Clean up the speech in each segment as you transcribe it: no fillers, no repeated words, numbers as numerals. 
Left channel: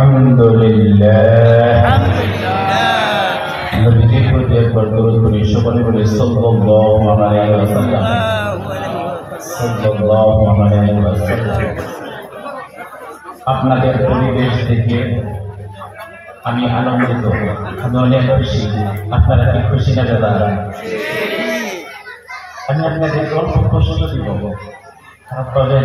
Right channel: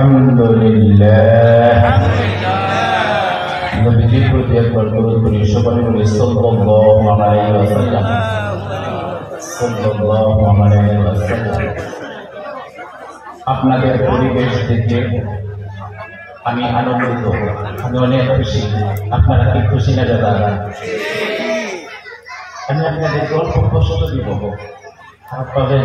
আলহামদুলিল্লাহ নবীজির প্রতি একবার দরুদ পড়ি সকলে বলি সাল্লাল্লাহু আলাইহি ওয়াসাল্লাম সাল্লাল্লাহু আলাইহি ওয়াসাল্লাম। আপনাদের পরিবেশ দেখে আমি আনন্দিত, আমি অনেক খুশি। আপনারা কি খুশি না দাদা? আমি আপনাদেরকে অল্প প্রশ্ন দিব, তবে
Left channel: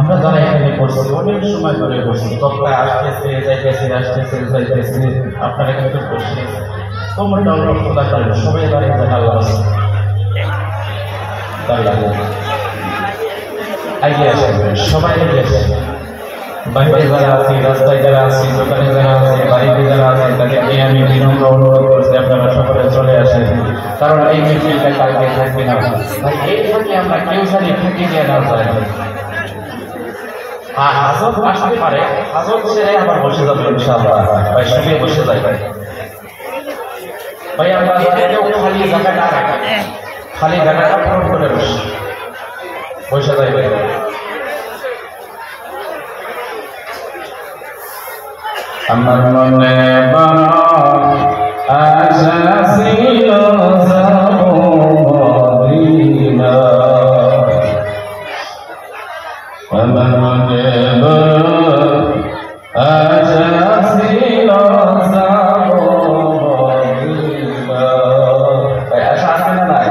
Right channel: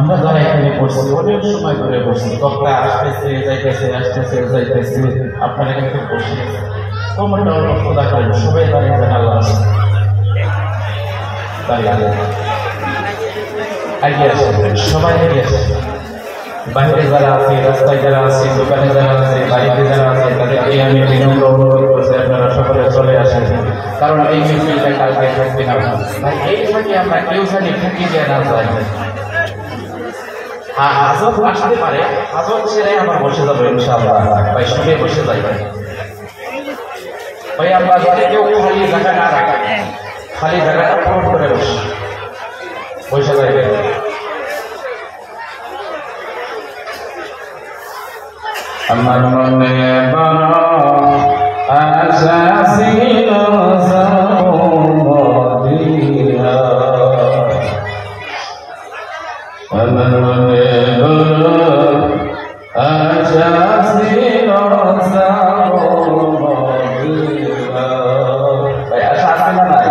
আমরা যারা এখানে করছি অনেক সময় ধরে করছি, তক্তায় আসতেছে যাইতেছে আসতেছে যাইতেছে, আপনারা কিন্তু করছি তোমরা অনেক খোদা করেন, সবাই বাড়ি জানা আইডিয়া আসেন, সবাই বাইরে যারা আছে, রাস্তায় যারা আছে, দোকানে যারা আছে, বাড়িতে যারা আছে, তাদেরকে আমি বিনম্র অনুরোধ করছি আপনারা সকলে চলে আসেন, কারণ এই মিছিলটা কালকে থাকবে না। ভাই এই জন্য আমরা কেউ জানি ঠুকি দিয়ে না যায়, হাজত আসতে পারে, হাজত ছেড়ে আমার বসে যাবে ইনশাআল্লাহ। ভাই শুনে বসে যাবে ভাই, আমরা যাতে কেউ খালি জায়গা না রাখা, খালি জায়গাটা পূরণ করে বসে যাবে। আমার মনে বড় আশা ছিল যাব মদিনা, আমার মনে বড় আশা ছিল যাব মদিনা। আশা আছে না নাই?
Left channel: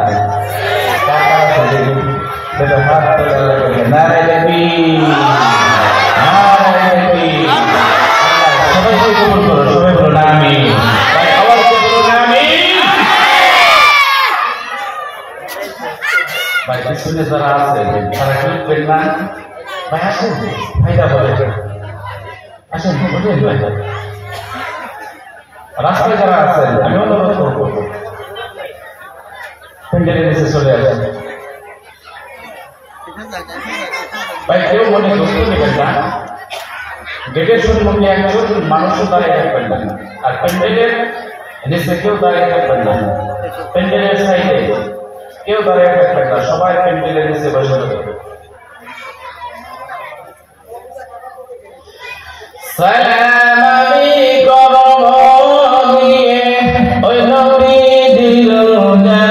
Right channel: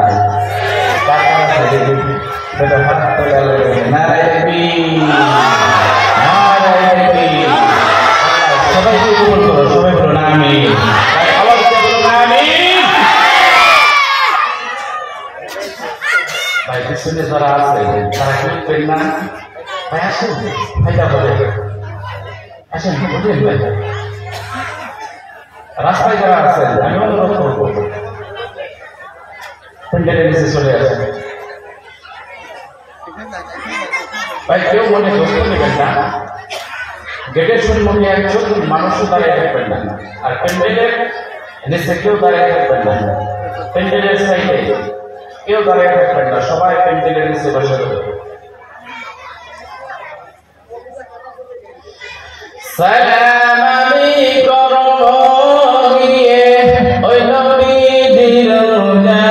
নারায়ে তাকবীর, যারা আছে তারা কি না ভাই আসেন, ভাইরা বলে আসেন, রাস্তায় যারা আছেন আমি অনুরোধ করবো প্যান্ডেলের নিচে চলে আসেন। ভাই কেউ মনে দোষ নেবেন না, গেটের সম্মুখে একজন মানুষও দাঁড়িয়ে থাকবেন না, আর প্যান্ডেলের নিচে কেউ দাঁড়িয়ে থাকবেন না, প্যান্ডেলের সাইডে কেউ দাঁড়িয়ে থাকবেন না, সবাই প্যান্ডেলের নিচে বসে যাবে। সালাম আলাইকুম গিয়ে ওই নবীজির রওজা,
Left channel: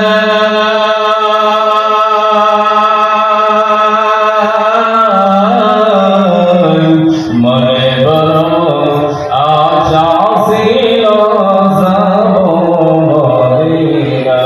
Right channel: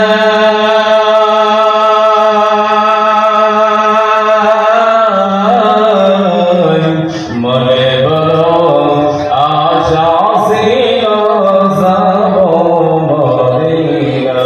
মনে বড় আশা ছিল যাব মদিনা,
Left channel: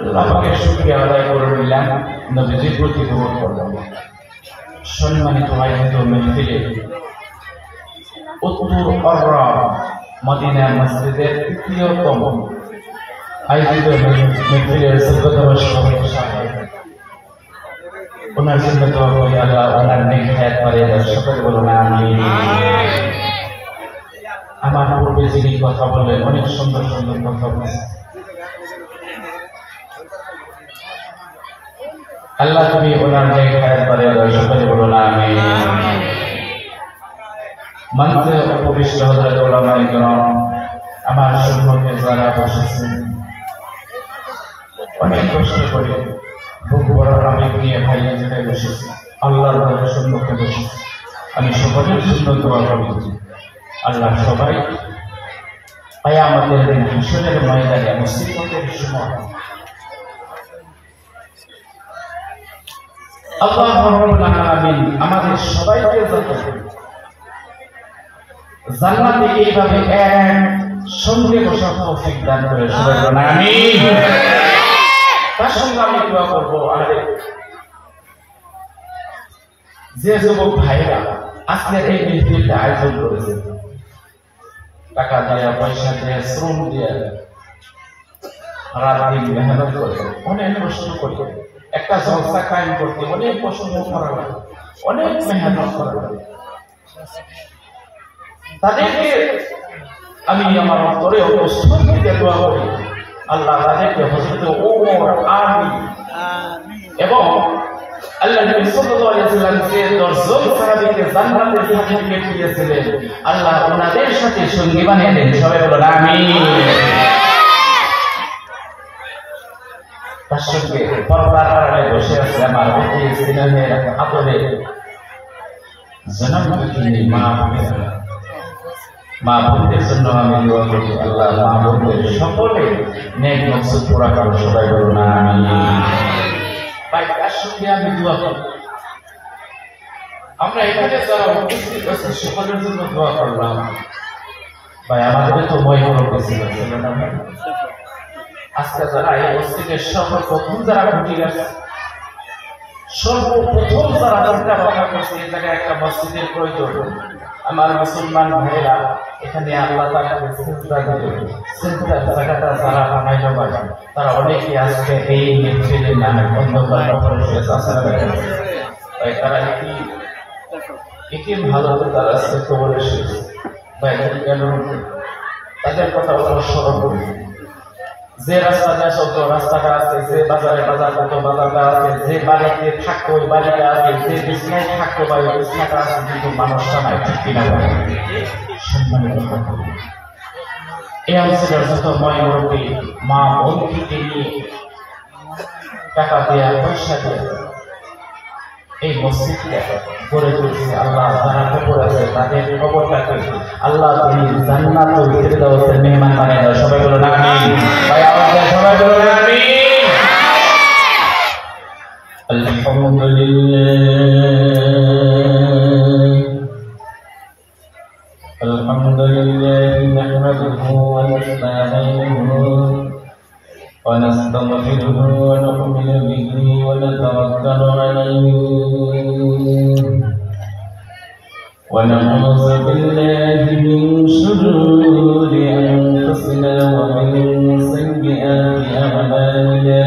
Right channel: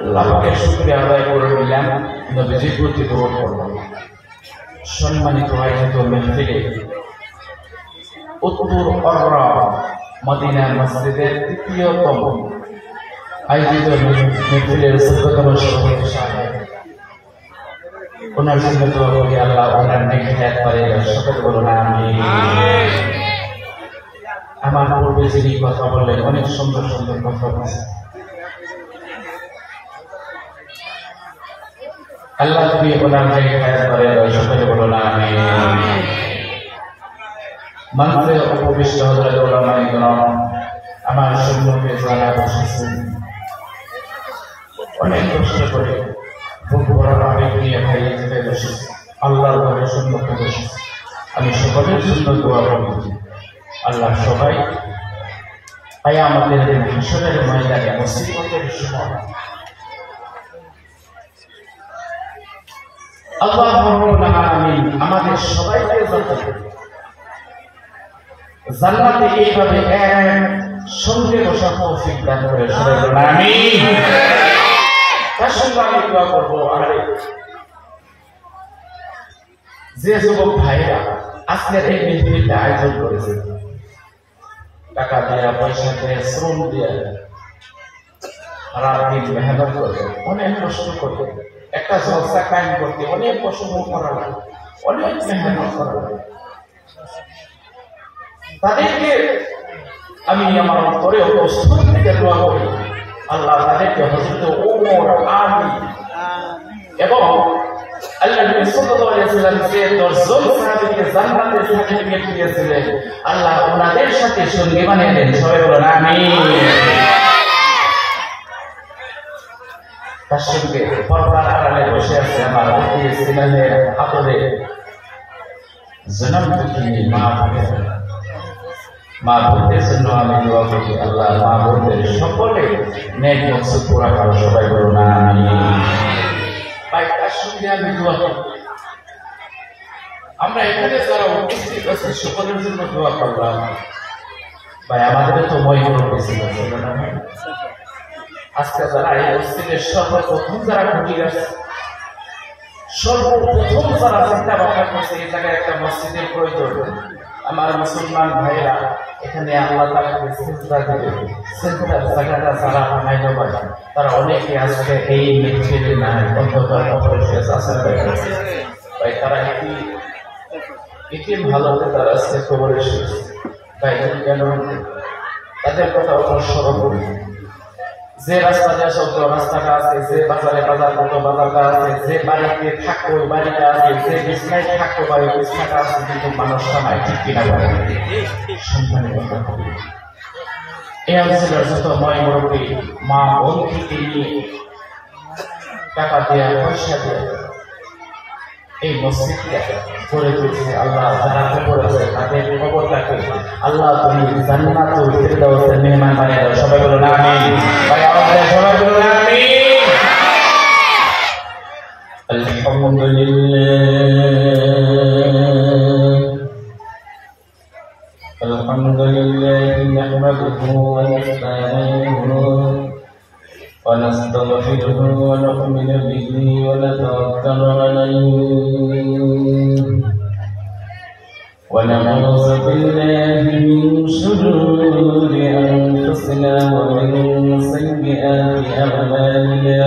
আল্লাহকে শুকরিয়া আদায় করে নিলাম, নবীজির প্রতি দরুদ পড়লাম। সম্মানিত আয়োজিত মাহফিলে উত্তর অররা মদিনা মসজিদের তৃতীয়তম আয়োজিত মাহফিলের ১৪তম সভাপতি সাহেব, ওনার জন্য দোয়া করি আল্লাহ ওনার নেক হায়াত বাড়িয়ে দেন, সকলে বলুন আমিন। আমার পূর্বে যিনি কথা বললেন অনেক সুন্দর সুন্দর কথা বলেছেন, আল্লাহ তুমি ওনার নেক হায়াত বাড়িয়ে দেন, সকলে বলুন আমিন। মঞ্চে উপবিষ্ট হযরত উলামায়ে কেরাম, আমার সম্মুখে যারা বসেছেন, অনেক কষ্ট করে বুক ভরা আবেগ নিয়ে ভাই জায়গায় বসেছে, আল্লাহর ঘরের সম্মুখে বসেছে, সকলের জন্য দোয়া করি। আল্লাহ সবাই কিয়ামতের দিন হাসরের ময়দানে মুসিবতের সময় আল্লাহ রাব্বুল আলামিন আমাদের সবাইকে জান্নাতে এইভাবে এক সঙ্গে বসার তৌফিক দান করে। সবাই বলুন আমিন। তার সঙ্গে আমি দোয়া করবো, আরে যে যুবক ভাইরা আজকের এই মেহফিলটা আয়োজন করেছে, টাকা দেয়া, পয়সা দেয়া, শ্রম দেয়া, রাত দিন মেহনত করে, অনেক কষ্ট করতে, একটা জলসা কায়েম করতে অনেক পছন্দ করা লাগে, অনেক মেহনত করা লাগে। তাদেরকে আমি আমার অন্তরে অবস্থান থেকে দোয়া করি, আল্লাহ তাদেরকে হযরত ওমর, আলী এবং আল্লাহ নবী সাল্লাল্লাহু আলাইহি ওয়াসাল্লাম যে 10 জন সাহাবীকে জান্নাতের সার্টিফিকেট দিয়েছিলেন, আল্লাহ ওনাদের সাথে সঙ্গী বানিয়ে দেন। সবাই বলুন আমিন। তার সঙ্গে পর্দার আড়ালে বসে আছে আমার অতি স্নেহের আপরে জনম দুঃখিনী মা বোনেরা। মা বোনদের জন্য আমি দোয়া করি, আল্লাহ মা বোনদের সকলে নেক মকসদ পুরা করো। সবাই বলুন আমিন। তাই তার সঙ্গে আমি দোয়া করি, আমরা এখানে যারা উপস্থিত আছি সকলের জন্য দোয়া করলাম। ভাই আমাদের তো বই বড় বেশি আছে না ভাই? আজকে যারা এই মসজিদের সর্বপ্রথম যারা ঢুকে গেছে, সর্বপ্রথম যারা চিন্তা ভাবনা করছে এই জায়গায় একটা মসজিদের প্রয়োজন, আমার মুসলমান ভাইরা এখানে আল্লাহ তাআলাকে সিজদা দিবে, সিজদার জায়গাটা যারা বানাইতে পারে তারা অনেকে আজকে এই মেহফিলের নামে অন্ধকার কবরে শুয়ে আছে। তাই তারা এটি ভালো হতে তারা আজকে কবরে শুয়েছে। তাই কেন তাদের কথা অবসর করি, যে রাস্তা দিয়ে চলতো রাস্তাটা আছে, যে বাজারে বাজার মতো বাজারটা আছে, যে বাড়িতে থাকতো ওই বাড়িটা আছে, যে বিছনায় থাকতো বা ওই বিছনাটা আছে, কিন্তু মানুষটা নাই। ঠিক কিনা? সম্মানিত এই অঞ্চলের যত ময় মুরব্বী মা বোন থেকে নিয়ে টাকা দেয়া, পয়সা দেয়া এই মসজিদটা গড়ে তুলছে, আল্লাহ যারা কবর আছে তাদের কবরটাকে আল্লাহ তুমি জান্নাতুল ফিরদাউসের মেহমান বানিয়ে দাও। সবাই বলুন আমিন। ভাই আমাদের সবাই বলুন আমিন। আলহামদুলিল্লাহ নাহমাদুহু ওয়া নাস্তাঈনুহু ওয়া নাস্তাগফিরুহু ওয়া নু'মিনু বিহি ওয়া নাতাওয়াক্কালু আলাইহি ونعوذ بالله من شرور أنفسنا ومن سيئات أعمالنا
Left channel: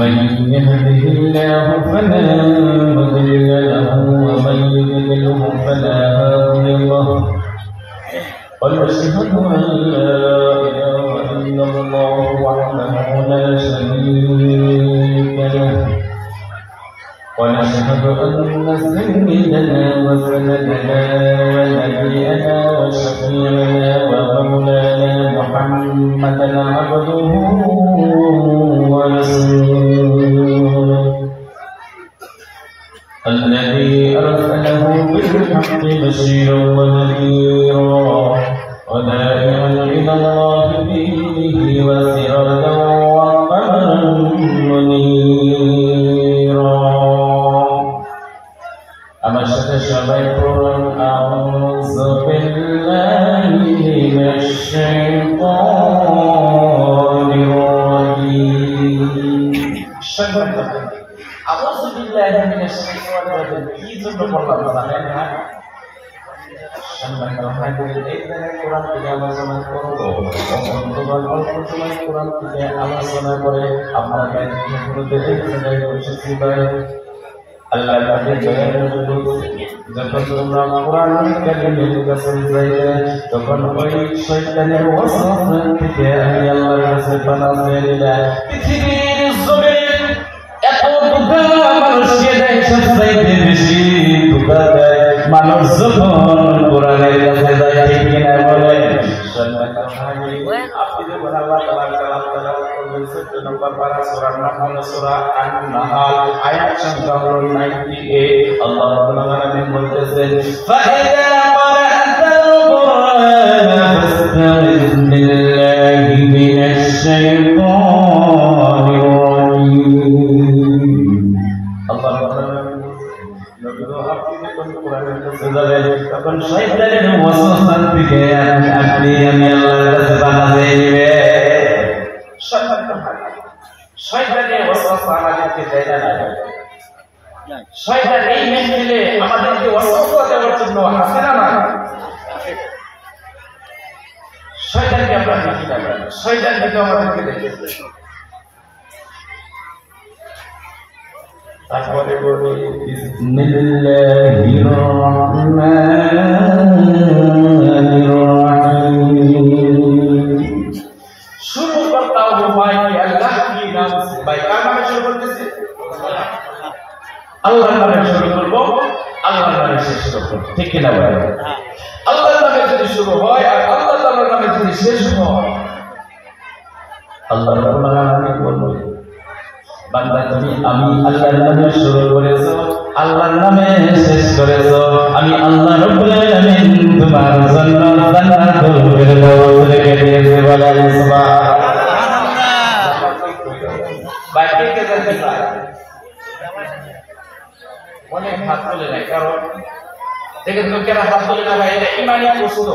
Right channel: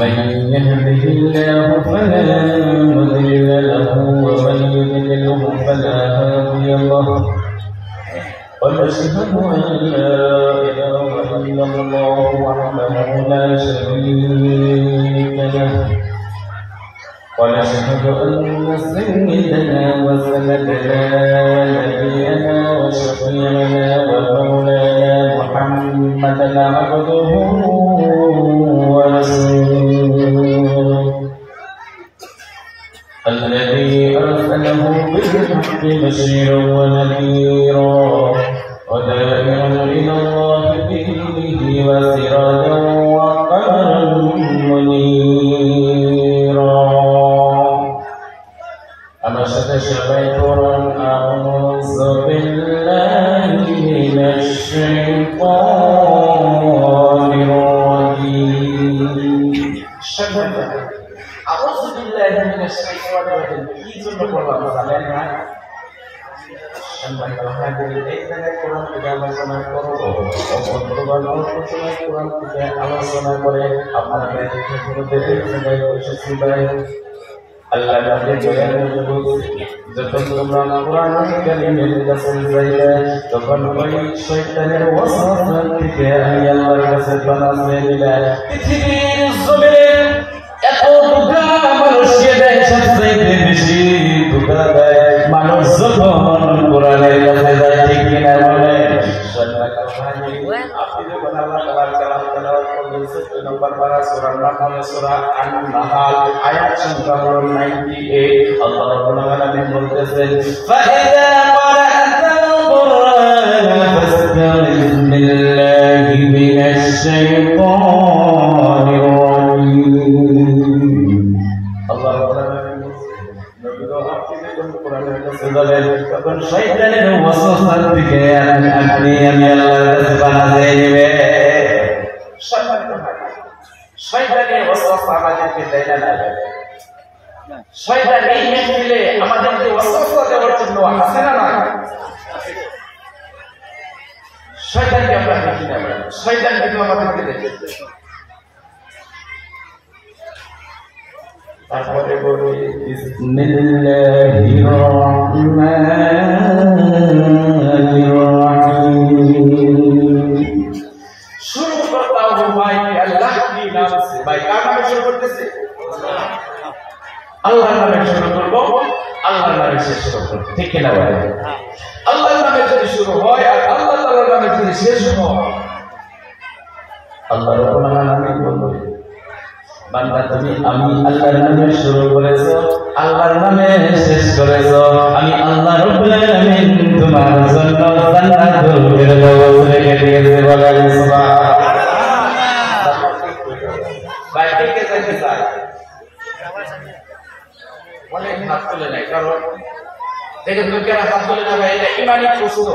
من يهده الله فلا مضل له ومن يضلله فلا هادي له ونشهد أن لا إله إلا الله وحده لا شريك له ونشهد أن سيدنا وسندنا نبينا وشفيعنا ومولانا محمدا عبده ورسوله الذي أرسله بالحق بشيرا ونذيرا وداعيا إلى الله بإذنه وسراجا وقمرا منيرا আমার সাথে সবাই পড়ুন আউযু বিল্লাহি মিনাশ শাইতানির রাজীম। আউযু বিল্লাহি মিনাশ শাইতানির রাজীম কি জন্য বললাম জানেন না? সম্মানিত হাজির, এই জায়গায় কোরআন থেকে আলোচনা করব, অন্তত অল্প সময় কোরআন থেকে আলোচনা করে আপনাদের মধ্যে দেখতে বসেছি। ভাই আল্লাহ তাআলা জয়ের যখন তোমরা কোরআন কারীমের কাছে যাইবে তখন ওই শয়তানের ওয়াসওয়াসা থেকে আমি আল্লাহর কাছে পানাহ চাইলা। পৃথিবীর জমিনে এত ধোঁকা মানুষকে দেয়, সবচাইতে বেশি ধোঁকা দেয় মানুষ যখন কোরআনের কাছে যায়। ঠিক কিনা বলে? আপনি যখন আল্লাহ তাআলার কালাম তেলাওয়াত করবেন 14 নম্বর পারা সূরা সূরার নাম হলো সূরা আন-নাহাল, আয়াত সংখ্যা হলো 98। আল্লাহ রাব্বুল আলামিন বলতেছেন, ফাইদা ক্বারা'তাল কুরআনা ফাস্তাইজ বিল্লাহি মিনাশ শাইতানির রাজীম। আল্লাহ রাব্বুল আলামিন নবী আপনি যখন কোরআনের কাছে যাবেন তখন শয়তানের ওয়াসওয়াসা থেকে আপনি আমি আল্লাহর কাছে পানাহ চাইবেন। শয়তানের ওয়াসওয়াসা আমাদেরকে দেয় না। শয়তান এই মেহফিলে আমাদেরকে ওয়াসওয়াসা দেওয়ার জন্য আসে না। শয়তানকে আমরা দেখি না, শয়তান কিন্তু আমাদেরকে দেখে। তারপরে বলি বিসমিল্লাহির রহমানির রহিম। শুরু করতে হয় কি আল্লাহ কি নাম से ভাই কার নামে শুরু করতেছি? আল্লাহর নামে শুরু করব, আল্লাহর নামে শেষ করব, ঠিক কি না ভাই? আল্লাহর নামে যদি শুরু হয় আর আল্লাহ তাআলার নামে যদি শেষ হয়, আল্লাহ রাব্বুল আলামিন বলবেন, বান্দা তুমি আমি আল্লাহর নামে শুরু করেছো, আল্লাহর নামে শেষ করেছো, আমি আল্লাহ রাব্বুল আলামিন তোমার জন্য জান্নাতুল ফিরদাউস রেখে দিয়েছে। বলেন সুবহানাল্লাহ। বাইরে কে যেতে চায় অনেক হাত তুলে নাই, কারণ দেখেন লোকেরা হাত তুলে না, এটা ইমানি প্রশ্ন।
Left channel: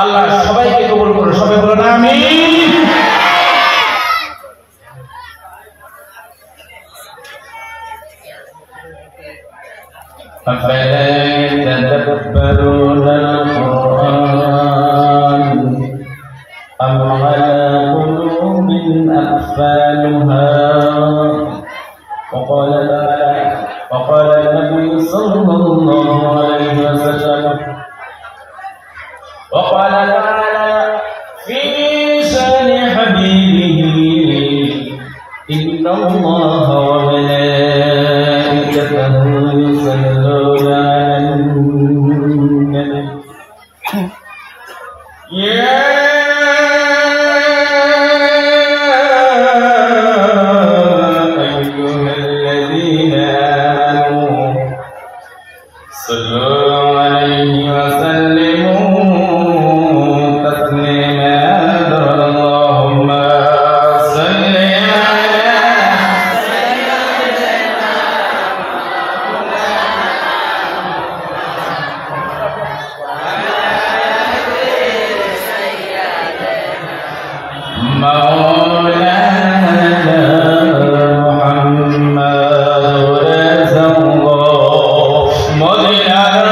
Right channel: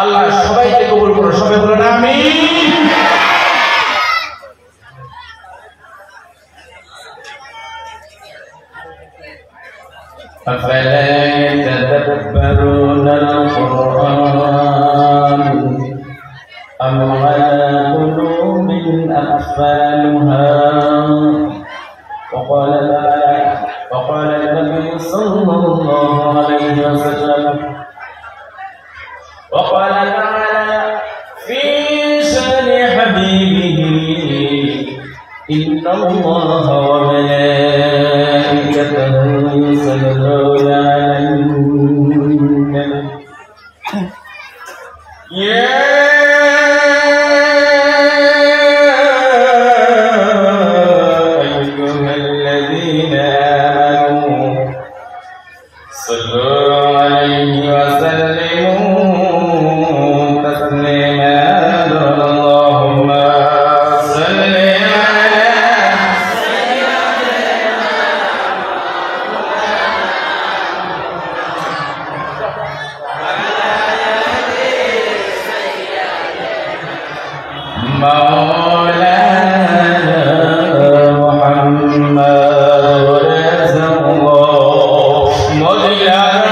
আল্লাহ সবাইকে কবুল করে, সবাই বলেন আমিন। أفلا يتدبرون القرآن أم على قلوب أقفالها وقال النبي صلى الله عليه وسلم وقال تعالى في شأن حبيبه إن الله وملائكته يصلون على النبي يا أيها الذين آمنوا صلوا عليه وسلموا تسليما. اللهم صل على مولانا محمد رسول الله مولانا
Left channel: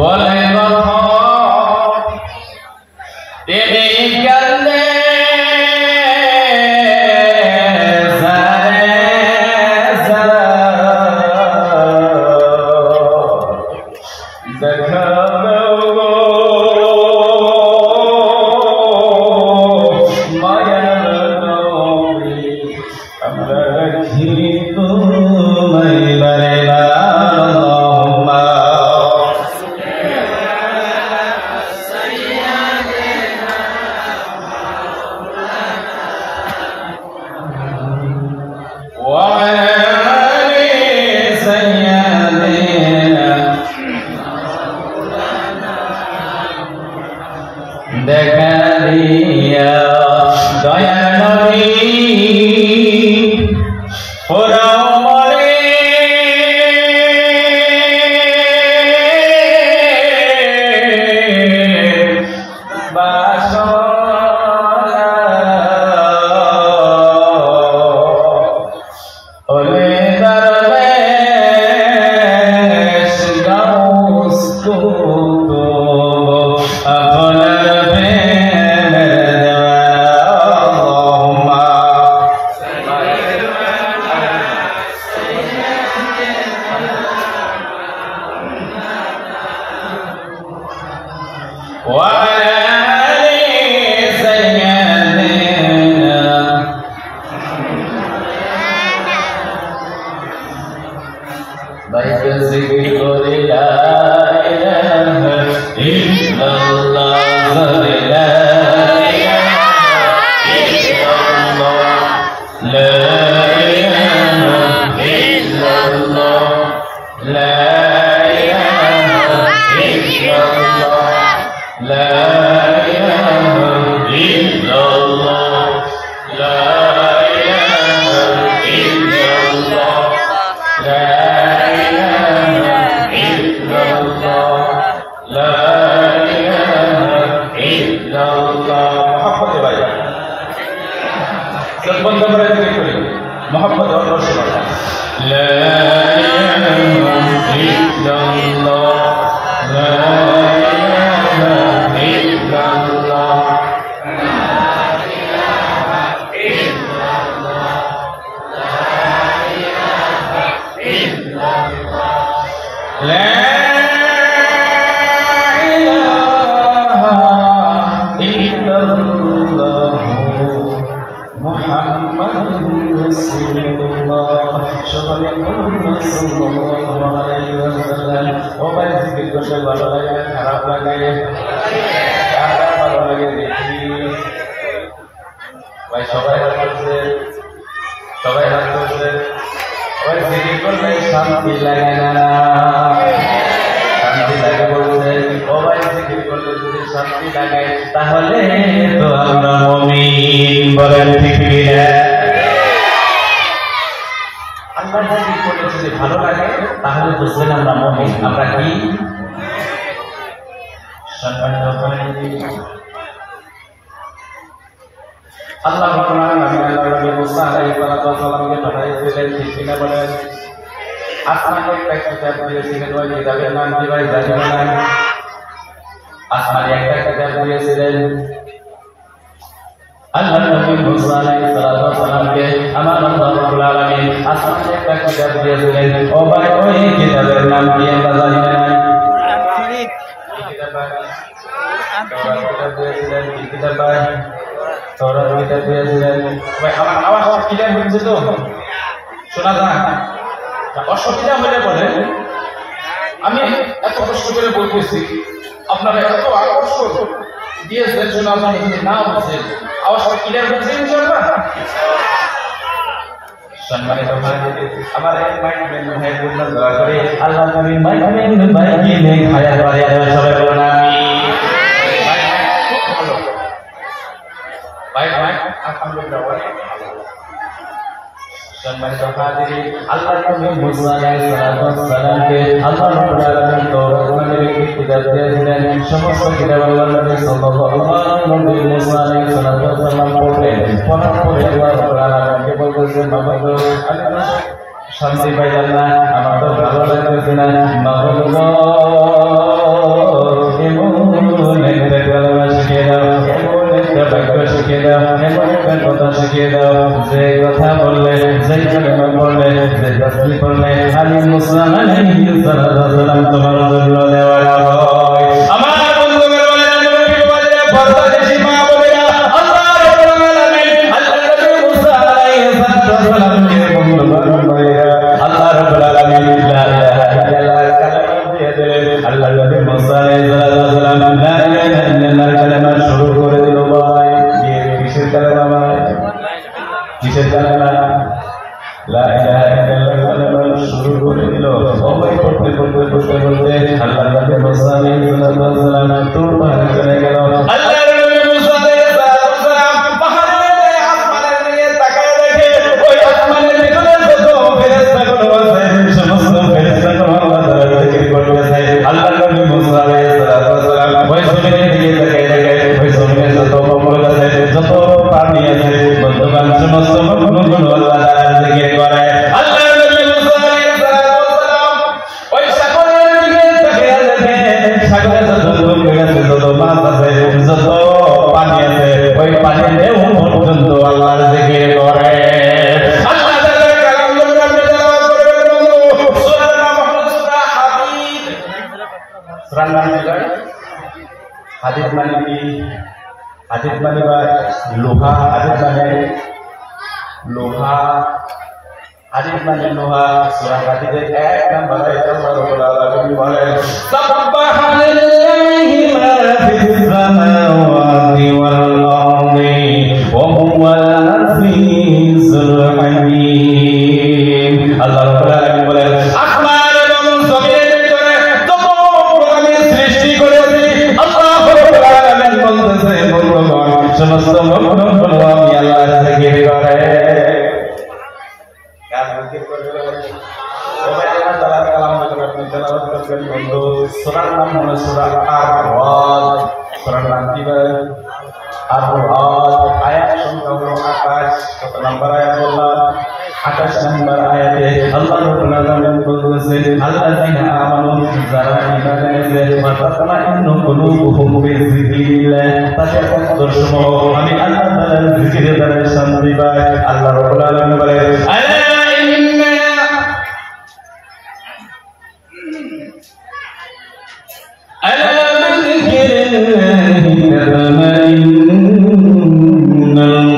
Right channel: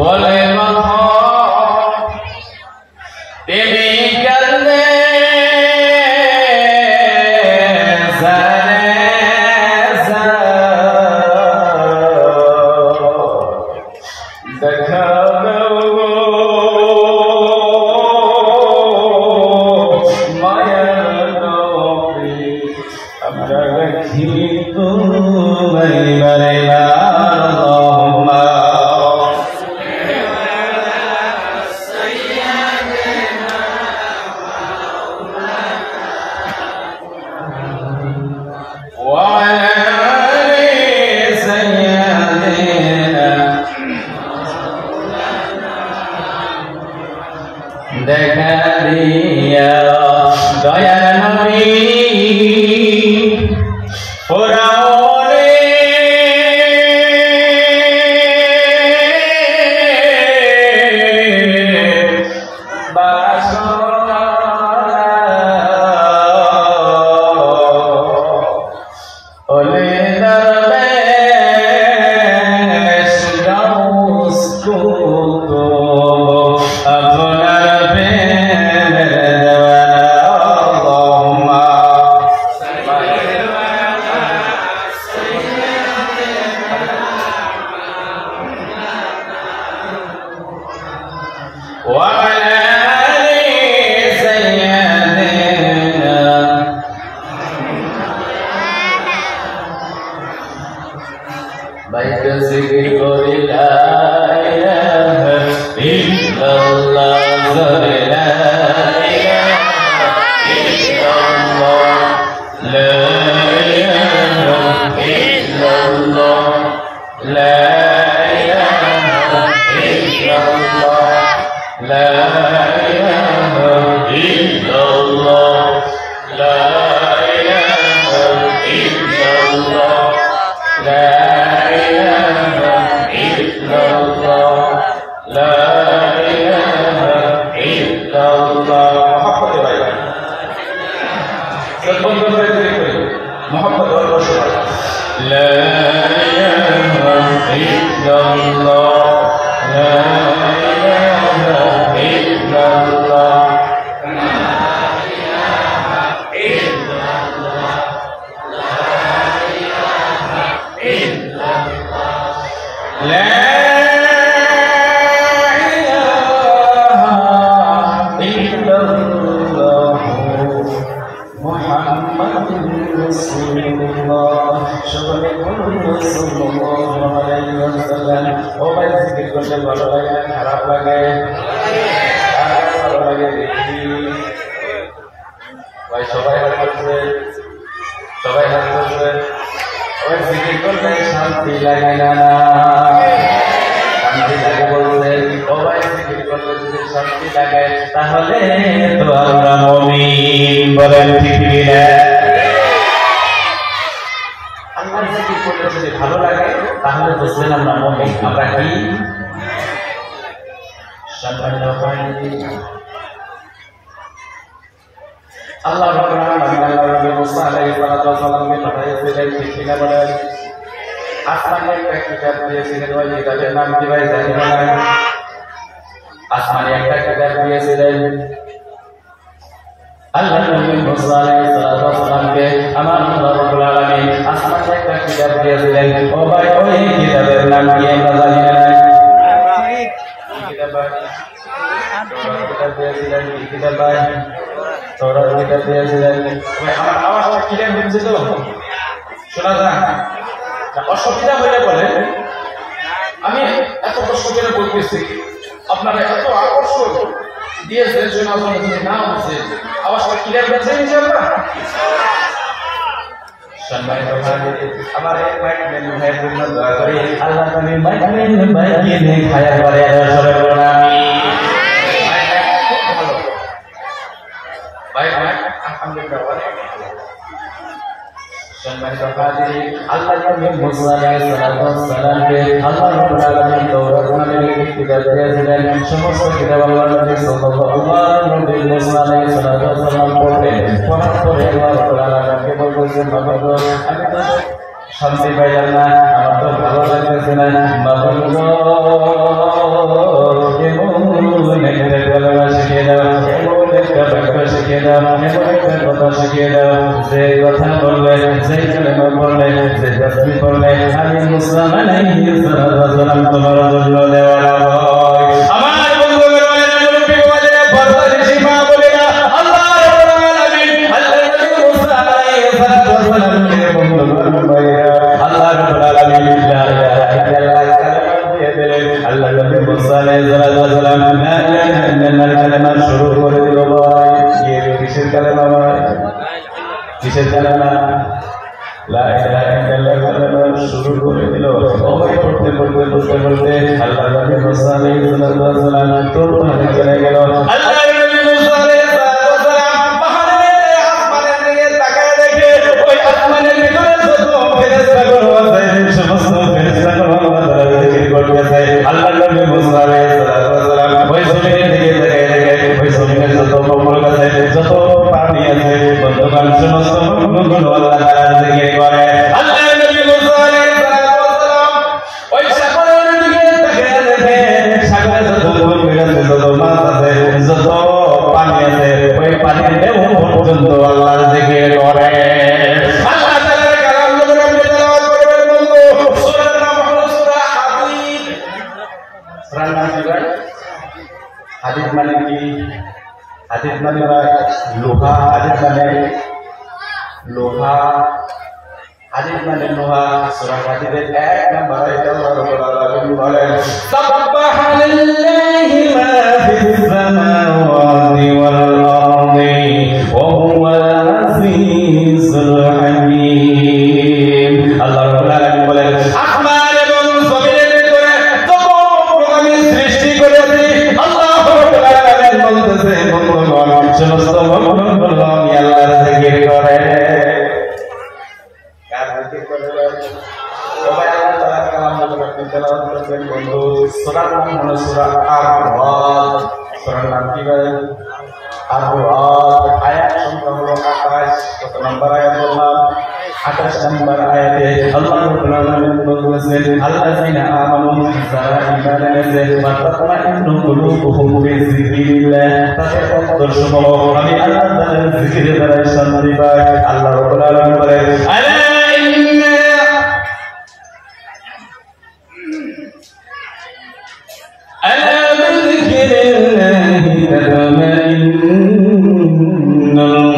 বলে শান্তি পাইলাম না, আমার তো ভালো লাগতেছে না, এমন একটা কালমা শিখিয়ে দাও, এমন একটা বাক্য শিখিয়ে দাও, এমন একটা কথা শিখিয়ে দাও, যে কথা বললে, যে কালেমা বললে, যে তাসবিহ পড়লে, আমি মুসা আলাইহিস সালাতু ওয়াস সালাম তোমার জন্য দেওয়া হয়। আমার বন্ধুগণ, নবী বলে বর্দা দেশি মা বলে আল্লাহ রাব্বুল আলামিন আল্লাহ নবী মুসা আলাইহিস সালাতু ওয়াস সালামকে বন্ধু সে জানে না লা ইলাহা ইল্লাল্লাহ শুরু করে দিল ওই পড়তে পড়তে পড়তে পড়তে আল্লাহ নবী মুসা আলাইহিস সালাম তোর পারে চলে গেল আল্লাহ নবী মুসা আলাইহিস সালাম পাহাড়ে আসমানের দিকে তাকায় দেখে ওই আসমানের ভিতরে যত ফেরেশতাগুলো আছে সমস্ত ফেরেশতাগুলো আল্লাহ তাআলার জিকির করতেছে আল্লাহ নবী মুসা আলাইহিস সালাম ওই জমিনের দিকে তাকায় দেখে ওই জমিনে যত পবন আছে যত পানি আছে বর্তমান সমস্ত পবনগুলো আল্লাহ তাআলার জিকির করে আল্লাহ নবী মুসা আলাইহিস সালাম ওই সাগরের দিকে তাকায় দেখে সাগরে যত পবন আছে যত মাছ আছে যত পানি আছে ওই পানির ঢেউ পর্যন্ত আল্লাহর জিকির করে আল্লাহ তাআলার কালাম যখন আপনি তেলাওয়াত করবেন বন্ধু সূরার নাম হলো সূরা হাদীদ সূরার নাম কি হাদীদ মানে কি হাদীদ মানে লোহা হাদীদ মানে লোহা হাদীদ মানে লোহা সূরা হাদীদের 1 নম্বর আয়াতে আল্লাহ রাব্বুল আলামিন বলেন সাবহানাল্লাহি মা ফিস সামাওয়াতি ওয়াল আরদি ওয়া হুয়াল আজিজুল হাকীম আল্লাহ রাব্বুল আলামিন বলেন আসমান এবং জমিনের ভিতরে যত আমি সৃষ্টি করেছি আল্লাহ রাব্বুল আলামিন বলতেছে বন্ধুগণ সমস্ত মখলুকগুলো আমি আল্লাহর জিকির করে কার জিকির করে সবাই আল্লাহ তাআলার কালাম যখন আপনি তেলাওয়াত করবেন বন্ধু সূরার নাম হলো সূরা আর-রাদ সূরার নাম কি বলেন আর-রাদ আয়াত সংখ্যা হলো 28 কত নম্বর আয়াত বললাম 28 নম্বর আয়াতে আল্লাহ রাব্বুল আলামিন বলতেছেন আল্লাযিনা আমানু যারা ঈমান এনেছে ফাতামাইন্নু কুলুবুহুম বিযিকরিল্লাহ তাদের অন্তরসমূহ আমি আল্লাহ তাআলার জিকিরে দ্বারা শান্তি পায় আল্লাহ রাব্বুল আলামিন বলেন আলা ইন্না আলা বিযিকরিল্লাহি তাতমাইন্নুল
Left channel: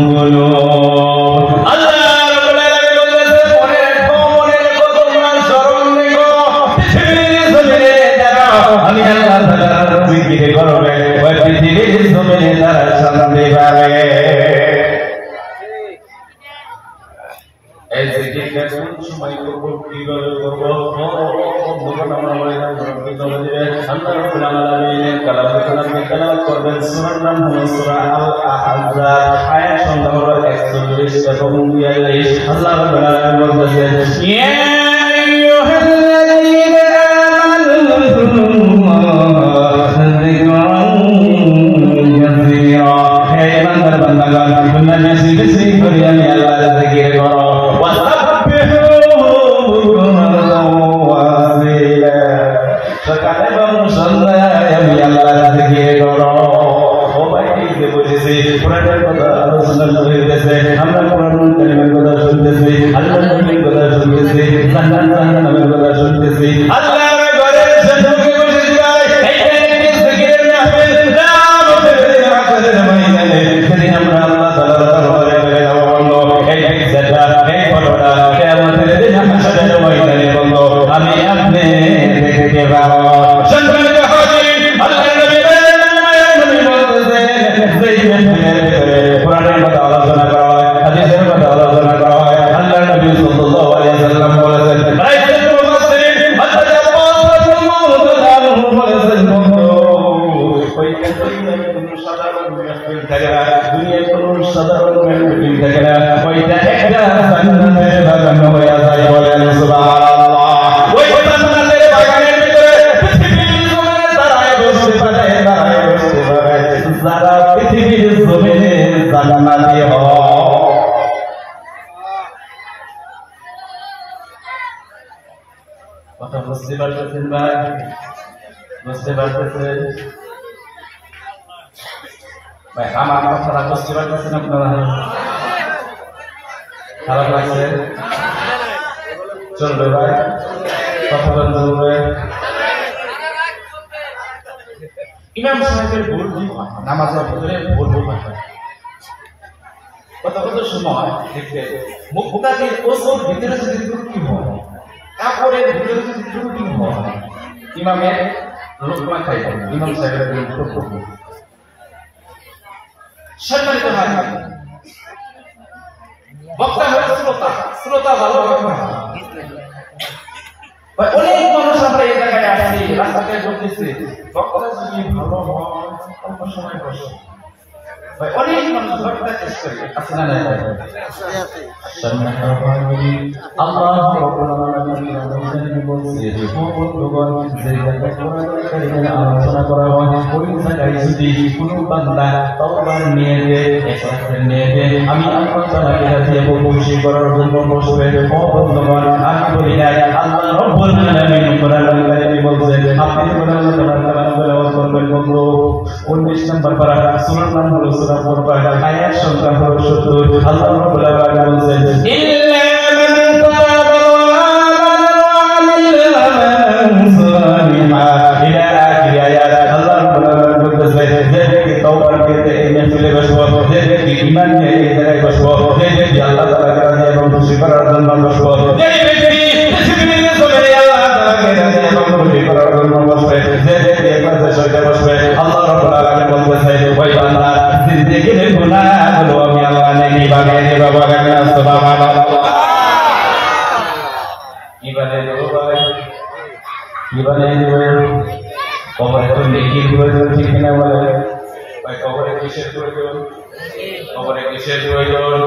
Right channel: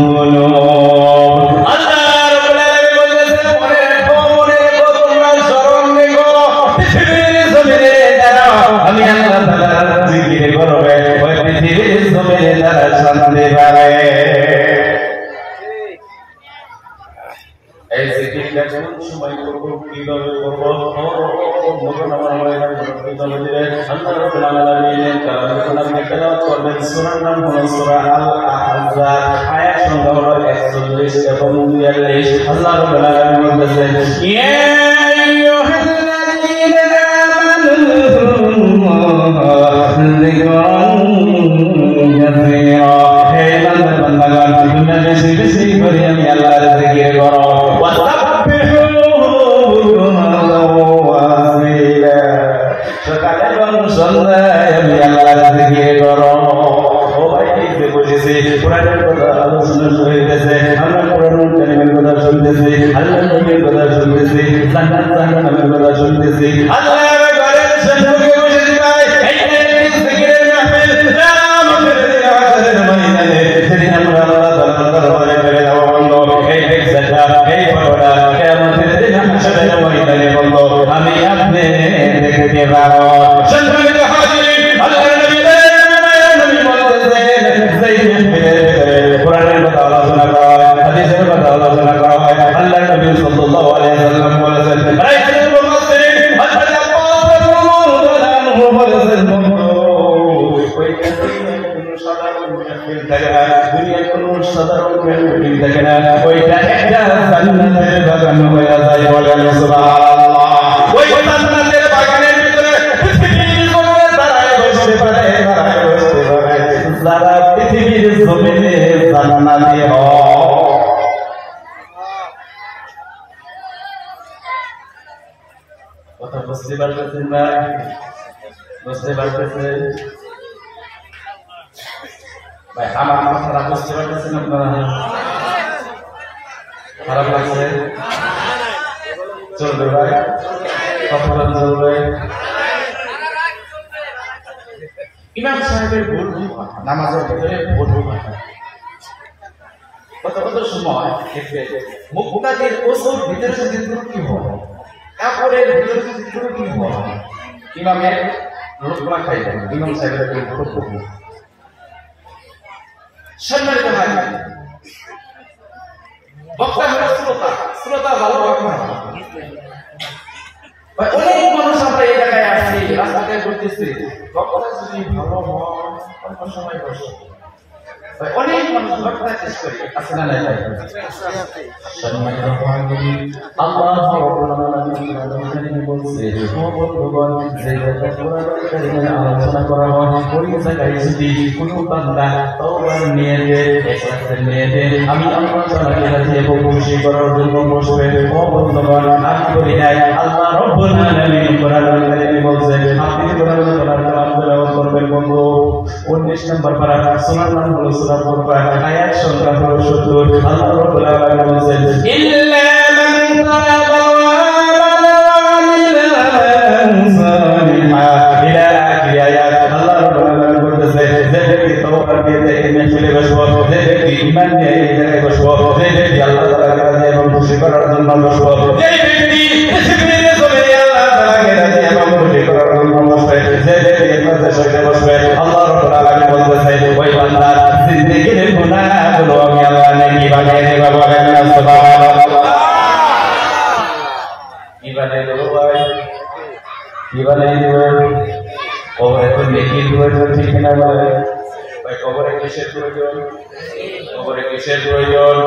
কুলুব আল্লাহ রাব্বুল আলামিন পৃথিবীর জমিনে দাঁড়াও আমি আল্লাহ তাআলার জিকির করবে ওই পৃথিবীর জমিনে তারা শান্তি পাবে এই জিকিরটা কোন সময় করব কিভাবে করব মরণ আমরা কিভাবে দিবে আল্লাহ রাব্বুল আলামিন কালাম যখন আপনি তেলাওয়াত করবেন সূরার নাম হলো সূরা আল-আহজাব আয়াত সংখ্যা হলো 41 এবং 42 আল্লাহ রাব্বুল আলামিন বলতেছেন ইয়া আইয়ুহাল্লাযীনা আমানু যিকরান কাসীরা হে ইমানদার বান্দাগণ তোমরা বেশি বেশি করে আমি আল্লাহর জিকির করো সকালে এবং সন্ধ্যায় আমি আল্লাহর জিকির করো ও ভাই এই যে বলেছি কোরআনের কথা আলোচনা হইতেছে আমরা কোরআনুল কারীমের কথা শুনতেছি আল্লাহর নবীর কথা শুনতেছি জান্নাত জাহান্নামের কথা শুনতেছি আল্লাহ ঘরের সম্মুখে বসে ভাই এই জিকিরের মাহফিল নাম আমাদের আখেরের ময়দানে সেদিন আমরা আল্লাহ তাআলার দরবারে পেয়ে যাব বন্ধু এই বেজাটা এই বড়টা কিয়ামতের দিন হাসরের ময়দানে বন্ধু আমি আপনি দেখতে পাবো সম্মানিত হাজির আল্লাহর নবী বলতেছেন যেই মাহফিলের ভিতরে কোরআনের কথা আলোচনা করা হয় হাদিসের কথা আলোচনা করা হয় আল্লাহর নবী সাল্লাল্লাহু আলাইহি ওয়াসাল্লাম বলেছেন রাইসুল মুফাসসিরিন হযরত আবু রাদিয়াল্লাহু বলেছেন বন্ধু ওই কোনো সাধারণ মাহফিল থাকে না দুনিয়ার কোনো সাধারণ মাহফিল থাকে না ওইটা একটা জান্নাতের বাগান হয়ে যায় বলেন সুবহানাল্লাহ ওই জান্নাতের বাগানের ভিতরে পৃথিবীর জমিনে দাঁড়ায় বসতে পারে যারা পৃথিবীর জমিনে জান্নাতি হয় কথা বুঝতে পারতেছেন না বুঝতে পারতেছেন ভাই আমার কথাটা বুঝতে পারতেছেন আপনারা খারাপ লাগছে চলবে ভাই কথা চলবে ইমাম সাহেবের ভুল নামাজের ভিতরে ভুল কথা কত সময় দেখবে মুক্তাদির ওসুর ভিতরে যদি ত্রুটি হয় কাপড়ের ভিতরে যদি ত্রুটি হয় ইমামের লোকমা খাইবে ইমাম সাহেবের ভুল সম্মানিত হাজির বক্তব্য বলতেছে বক্তা যদি ভালো হয় অল্প সময় বসে ভাই অনেক মানুষ বক্তা চেষ্টা করে আছে না নাই ভাই আল্লাহ রাব্বুল আলামিন আমাদের বলছে ও ভগবান যে জায়গায় আলোচনা করা হয় ওই জায়গায় যদি কোনো বান্দা তওবার নিয়ে ইখলাসের নিয়ে আমি আল্লাহ তাআলাকে রাজি খুশি করার জন্য বসবে ও ভগবান আমি বলি না আল্লাহ রাব্বুল আলামিন কোরআনুল কারীমে বলছে আপনি কোরআনুল তেলাওয়াত করবেন বন্ধু 19 নম্বর পারা সূরার নাম হলো সূরা ফুরকান আয়াত সংখ্যা হলো 70 আল্লাহ রাব্বুল আলামিন বলেন ইল্লা মান তাবা ওয়া আমিলা সালিহা ইলা আখির আয়াত আল্লাহ রাব্বুল আলামিন বলেছে যে ব্যক্তি তওবা করতে ইমান চলে বসবো যে ব্যক্তি ঈমান নিয়ে এই জায়গায় বসবো যে ব্যক্তি আল্লাহ তাআলাকে রাজি এবং খুশি করার জন্য বসবো যে ব্যক্তি পৃথিবীতে চলে আল্লাহ তাআলাকে রাজি এবং খুশি করার জন্য বসবে যে ব্যক্তি ইবাদত করে বসবে আল্লাহ রাব্বুল আলামিন বলেছে ওই বান্দা জিন্দেগির গুনাহগুলো আমি আল্লাহ নেকি বানিয়ে দেব বলেন সুবহানাল্লাহ কি বানিয়ে দেব কি বানিয়ে দেব কবরে তো নেকির প্রয়োজন ঠিক না বলে ভাই কবরে কিসের প্রয়োজন কবরে কিসের প্রয়োজন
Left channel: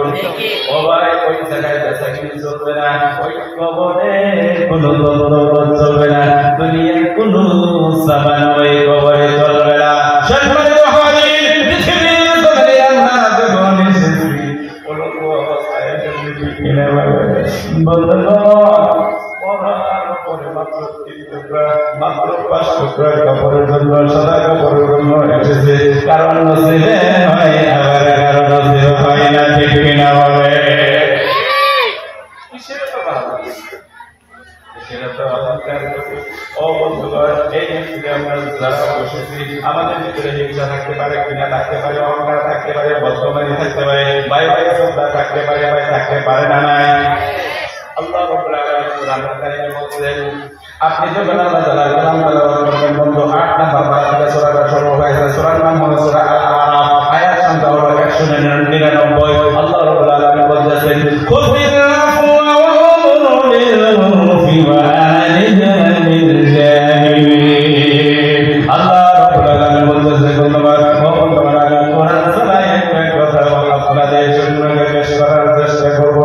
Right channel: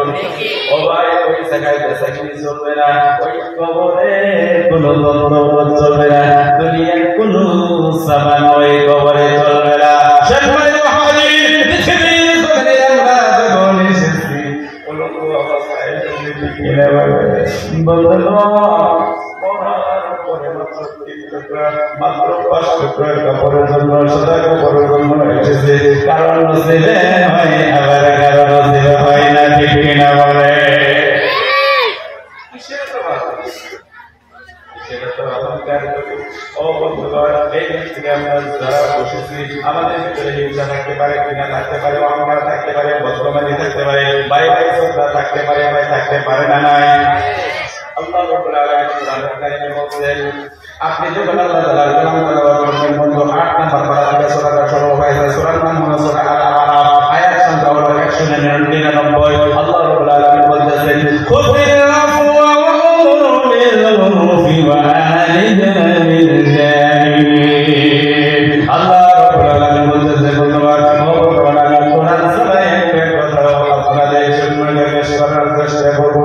ও ভাই ওই জায়গায় বেসাকিনি চলবে না ওই কবরে কোনো বন্ধন চলবে না দুনিয়ার কোনো সামান ওই কবরে চলবে না সম্মানিত হাজির পৃথিবীর জগতে আমরা যখন এসেছি কোনো অবস্থায় ঠিক না বন্ধুগণ মাত্র 5 টুকরা কাপড়ের জন্য সাদা কাপড়ের জন্য এসেছে কারণ নসিবে হয় আবার কারণ নসিবে হয় না ঠিক কিনা বলে কিসের তো ভালো কিসের তো অলংকার করি ও বন্ধুগণ এই যে আমরা যারা বসেছি আমাদের ভিতরে হিংসা থাকতে পারে কিনা থাকতে পারে অহংকার থাকতে পারে বদমানি থাকতে পারে ভাই ভাই শ্রদ্ধা থাকতে পারে ভাই থাকতে পারে না নাই আল্লাহ রাব্বুল আলামিন কোরআনুল কারীমে বলেন আপনি যখন আল্লাহ তাআলার কালাম তেলাওয়াত করবেন বন্ধু 8 নম্বর পারা থেকে সূরা শুরু হয়েছে সূরার নাম হলো সূরা আল-আরাফ আয়াত সংখ্যা হলো 199 আল্লাহ রাব্বুল আলামিন বলেন খুযিল আফওয়া ওয়া আমরু বিল মা'রুফি ওয়া আনিল আনিল জালিমিন আল্লাহ রাব্বুল আলামিন বলেন তোমার মহব্বত আমি কোরআন শোনাই একটা কথা আপনাদের জন্য পেশ করার চেষ্টা করব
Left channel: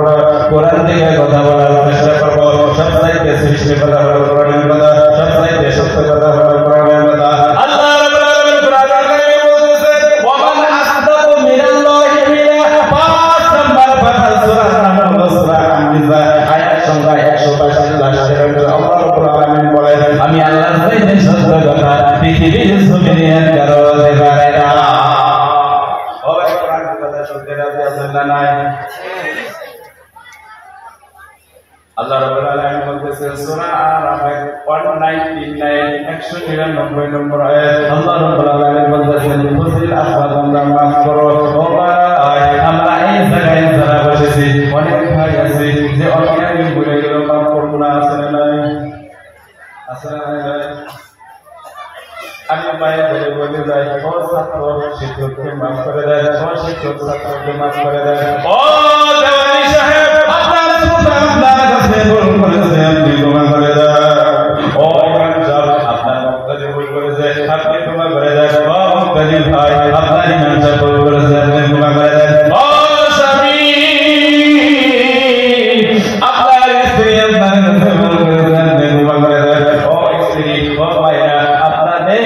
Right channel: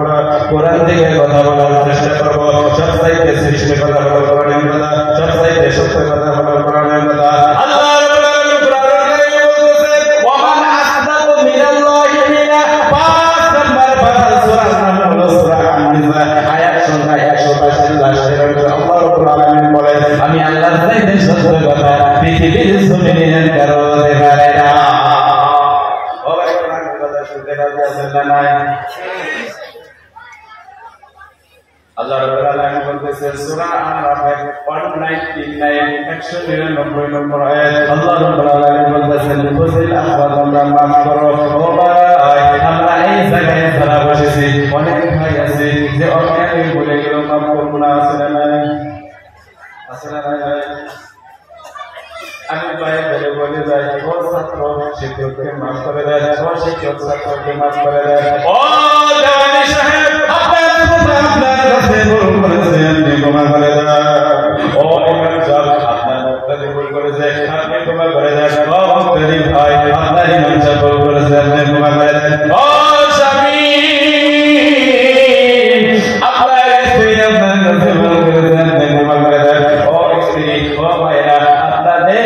কোরআন থেকে কথা বলার চেষ্টা করব সবচাইতে সৃষ্টি কথা হলো কোরআনের কথা সবচাইতে সত্য কথা হলো কোরআনের কথা আল্লাহ রাব্বুল আলামিন কোরআনে বলেছেন ওয়া মান আসদাকু মিনাল্লাহি কিলা 5 নম্বর পারা সূরা নাম হলো সূরা আন-নিসা আয়াত সংখ্যা 185 লাস্টের আল্লাহ রাব্বুল আলামিন বলেন আমি আল্লাহর চাইতে সত্য কথা পৃথিবীর জমিনে কারো বলতে পারে না ও কোরআনের কথা শুনতে রাজি আছেন না নাই আল্লাহ রাব্বুল আলামিন বলতেছেন সূরা আল-আরাফের 199 নম্বর আয়াত আল্লাহ রাব্বুল আলামিন বলতেছেন ফুসিল আফওয়াতুল্লাহ মাফ করো ও ভাই আমরা এই জায়গায় যারা বসেছি অনেক ভাই আছে যে অজ্ঞানে ভুলে গেল মাফ করব না আছে না নাই আছে না নাই আমি ভাই বলে যাই ও ছাত্র শিক্ষককে মাফ করে দেয় ও শিক্ষক ছাত্রকে মাফ করে দেয় ও দেওয়ানি সাহেব আপনার কাছে ভুল করেছে আপনি ক্ষমা করে দেন ও ইমাম সাহেব আপনার মুক্তাদি ভুল করেছে আপনি ক্ষমা করে দেন ও মুক্তাদি ভাই আপনার ইমাম সাহেব ভুল করেছে আপনি ক্ষমা করে দেন ও স্বামী আপনার স্ত্রী আপনার কাছে ভুল করেছে আপনি ক্ষমা করে দেন ও স্ত্রী ও ভাইরা আপনাদের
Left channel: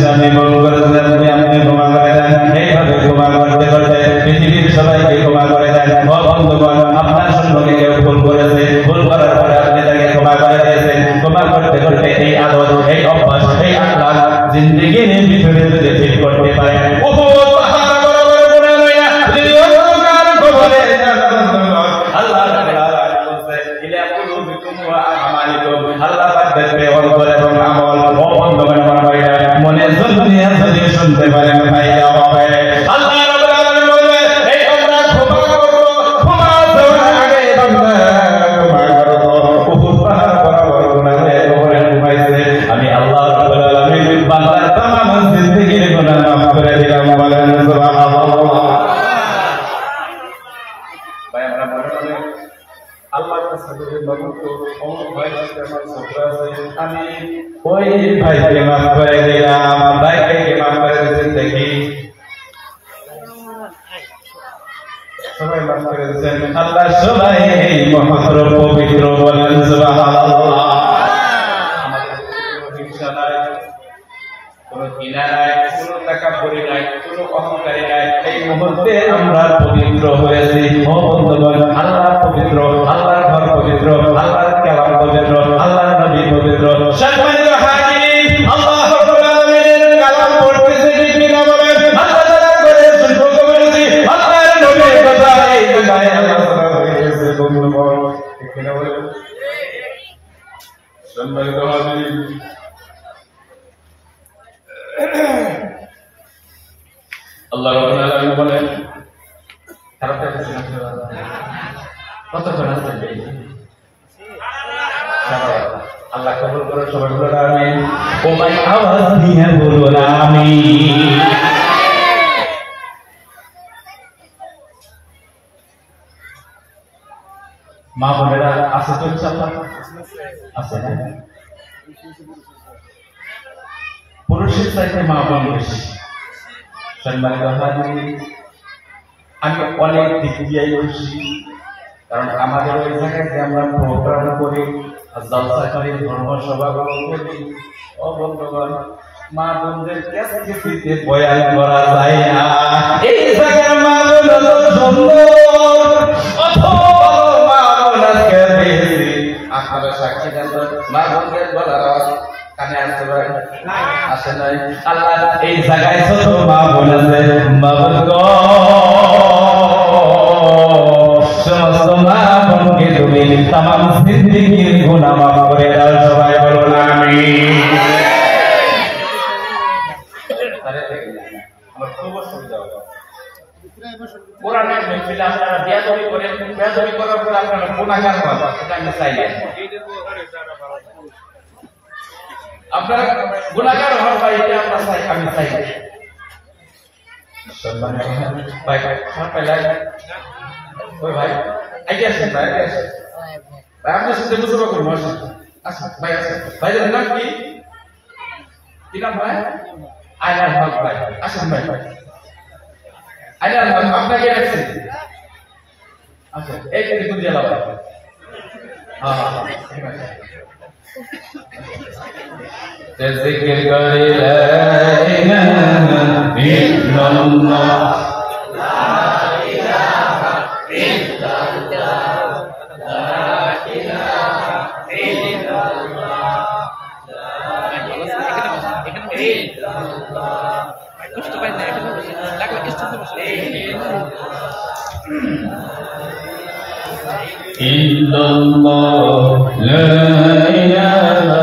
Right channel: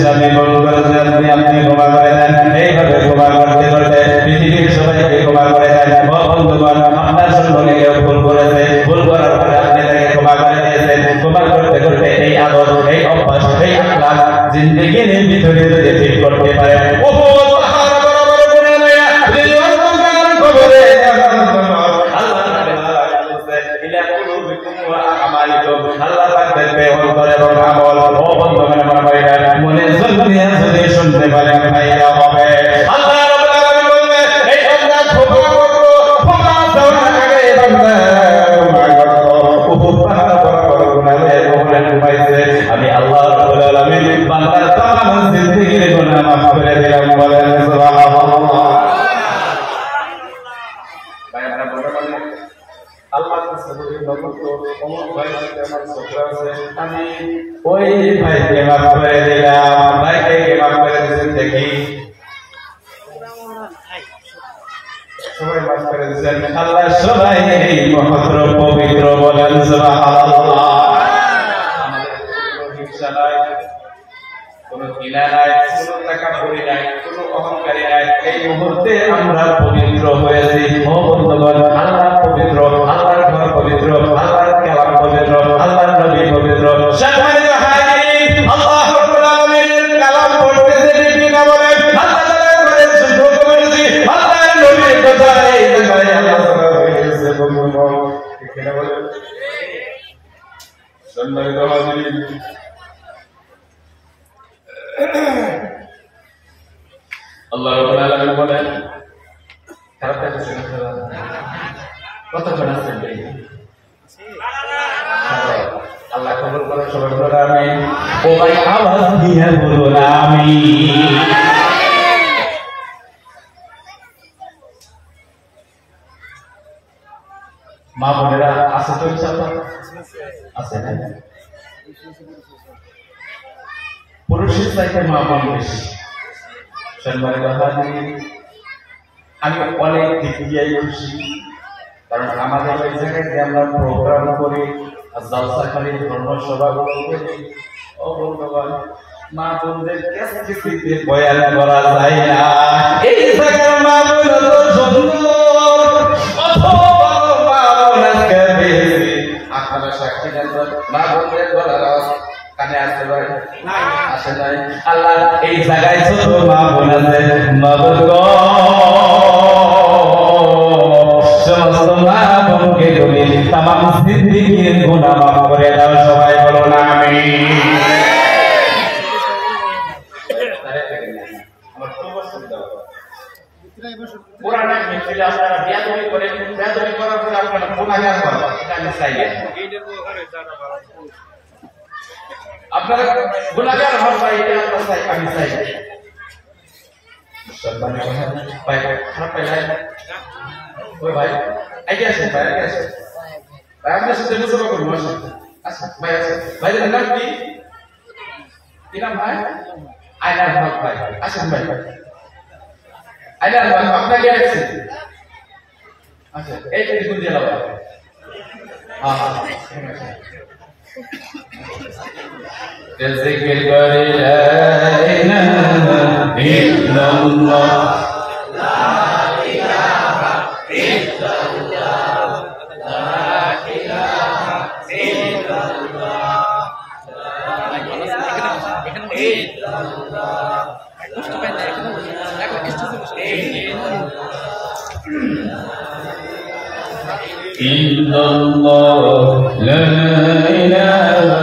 স্বামী ভুল করেছে আপনি ক্ষমা করে দেন এইভাবে ক্ষমা করতে করতে পৃথিবীর সবাইকে ক্ষমা করে দেন ও বন্ধুগণ আপনার সম্পর্কে কেউ ভুল করেছে ভুল করার পরে আপনি তাকে ক্ষমা করে দিয়েছেন ক্ষমা করতে করতে এই আদত এই অভ্যাস এই আখলাক জিন্দেগির ভিতরে যদি ঠিক করতে পারেন আল্লাহ রাব্বুল আলামিন বলেন ইলা কুলুবিকুম ওয়া আমালিকুম আল্লাহ পাক দেখবে অন্তর এবং আমল ও বন্ধুগণ আমার ভাইরা মনে যদি শুনতে পারেন ভাইরা হবে আল্লাহ রাব্বুল আলামিন বলেন এই আমরা ক্ষমা করব ক্ষমা দেওয়ার আগে তোমরা ক্ষমা করো বহুত পাহাড় বরাবর গুনাহে ওপরে ঘুমাইছে আমি আল্লাহ রাব্বুল আলামিন বান্দার तमाम জিন্দেগির গুনাহ মাফ করে দিলাম বলেন সুবহানাল্লাহ। ভাই আমরা মনে মনে আল্লাহ রাব্বুল আলামিন বলেন ইন্নাল্লাযীনা ইয়াকুলুনা আমওয়ালাল ইয়াতামা যুলমান ওয়া যুলমান আল্লাহ রাব্বুল আলামিন বলেন এই আমরা ক্ষমা করব ক্ষমা দেওয়ার আগে তোমরা ক্ষমা করো বহুত পাহাড় বরাবর গুনাহে ওপরে ঘুমাইছে আমি আল্লাহ রাব্বুল আলামিন বান্দার तमाम জিন্দেগির গুনাহ মাফ করে দিলাম বলেন সুবহানাল্লাহ। আল্লাহর কাছে বলে মাবুদ অমুক ভাইয়ের সাথে আমার ঝগড়া আছে, আমি ওই ভাইকে মাফ করে দিলাম। ভাইকে মাফ করে দিয়েছেন দেখি, সবাই মাফ করে দিয়েছেন। আল্লাহ সবাই এই মহত্র পবিত্র বলেন সুবহানাল্লাহ। আমাদের কোনো হিংসা নাই, কোনো ঘৃণা নাই, কোনো তাকাব্বুরি নাই, কোনো অহংকারী নাই। এই মুহূর্তে আমরা পবিত্র হয়েছি। ও বন্ধুগণ, আল্লাহ পবিত্র, আল্লাহর ঘর পবিত্র, আল্লাহর কালাম পবিত্র, আল্লাহর নবী পবিত্র। সম্মানিত হাজিরিন, আল্লাহ রাব্বুল আলামিনের কালাম পড়তেছি ঠিক না বলেন? আল্লাহ তাআলা বলেন শুকর করেছি, আল্লাহর নবীর কথা এই জায়গায় আল্লাহ তাআলা বলেছে বন্ধুগণ, ঠিক না বলেন? সম্মানিত হাজিরিন, আল্লাহ রাব্বুল আলামিন বলেন, খারাপ লাগছে না? কতক্ষণ আছেন ভাই? আল্লাহ কবুল করুন, সবাই বলুন আমিন। ও ভাই আওয়াজ দিয়ে বলুন আমিন। মা বোনেরা আছে তো ইনশাআল্লাহ? আছে না? পুরুষের চাইতে মা বোন বেশি। সম্মানিত হাজিরিন, আমি অনেক দিক দিয়ে খুশি, কারণ আমাদের ওই জায়গায় যে আমরা প্রোগ্রাম করি, জলসা করি, ধর্মসভাগুলো করি, ও বন্ধুগণ, মা বোনদের কাছে দিতে বয়ান করা যায় না। এই জায়গায় মা বোন এত সুন্দর, অথবা মা বোন আজকে পেয়েছি। আপনারা সাক্ষী দেন তো, মা বোনদের গলার আওয়াজ কানে আসতে পারে? আসে নাই। আল্লাহ এই জায়গায় ছোট মা বোন আছে, মা বোন সমস্ত মা বোনকে তুমি তামাম জিন্দেগির গুনাহ মাফ করে দাও। সবাই বলুন আমিন। আমার খুব অসুবিধা হয়। কোরআনের মিছিলে আপনারা বেয়াদবি করেন, বেয়াদবি করার পরে আপনারা গুনাহগার হন, এটা আমি চাই না। আপনারা গুনাহগার হন ভাই, এটা আমরা চাই, আমি চাই না। সম্মানিত ভাই, সবাই লাই ওই ভাই আগে আসেন, ভাই আগে আসেন ভাই, আপনার সাথে মুসাফা করবো। আসেন, আসেন ভাই, আসেন ভাইদের নাম কি? কি নাম ভাই? আয়নার হক ভাই। আসেন ভাই, আয়নার হক আপনাকে রাখছেন। আচ্ছা, এই যে দেখুন দিয়ে ভাই। হ্যাঁ জিকির করে লা ইলাহা ইল্লাল্লাহ, লা ইলাহা ইল্লাল্লাহ, লা ইলাহা ইল্লাল্লাহ, ইল্লাল্লাহ, লা ইলাহা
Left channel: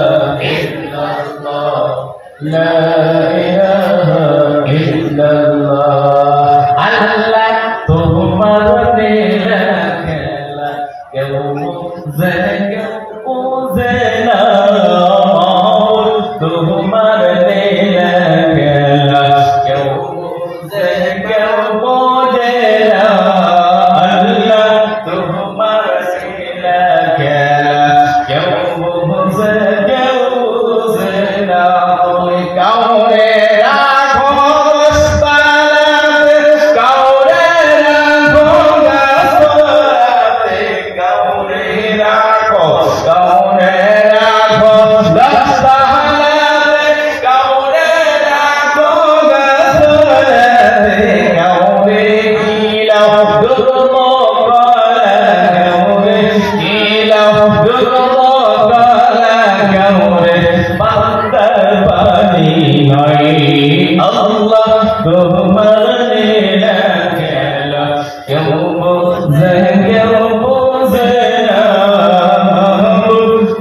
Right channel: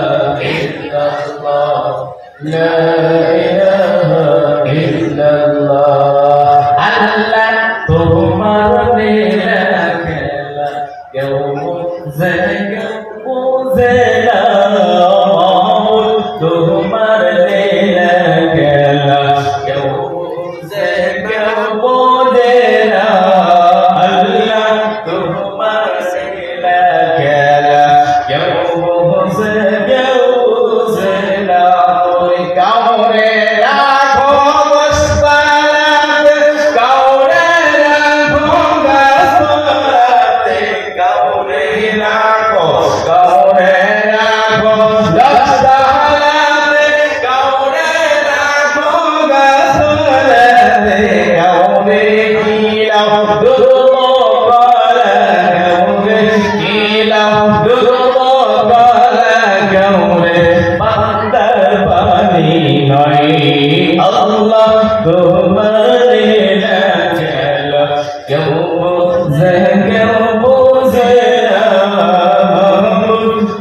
ইল্লাল্লাহ, লা ইলাহা ইল্লাল্লাহ। আল্লাহ তোমার লীলা খেলা কেউ বুঝে কেউ বুঝে না, তোমার লীলা খেলা কেউ বুঝে কেউ বোঝে না। আল্লাহ তোমার লীলা খেলা কেউ বুঝে কেউ বুঝে না। তুমি কাউরে রাখো মস্তানাতে, কাউরে রাখো গাছতলাতে, কাউরে রাখো রাস্তাহালাতে, কাউরে রাখো গাছতলাতে, কাউরে কিলাও দুর্বলা, কাউরে কিলাও দুর্বলা, কাউরে বান্দার পানি নয়। আল্লাহ তোমার লীলা খেলা কেউ বুঝে কেউ বুঝে না,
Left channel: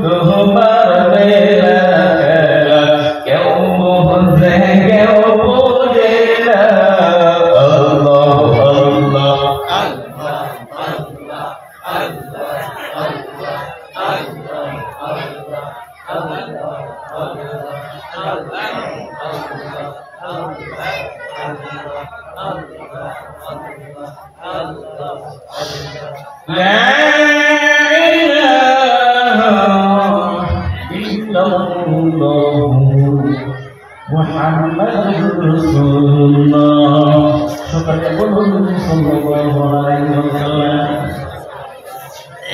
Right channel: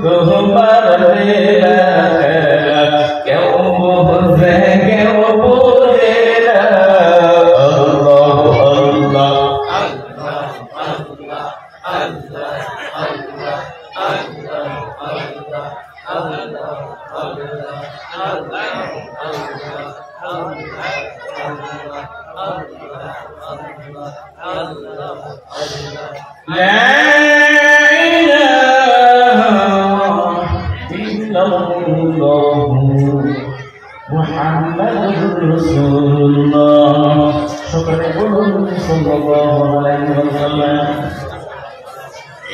তোমার লীলা খেলা কেউ বুঝে কেউ বুঝে না। আল্লাহ আল্লাহ আল্লাহ আল্লাহ আল্লাহ আল্লাহ আল্লাহ আল্লাহ لا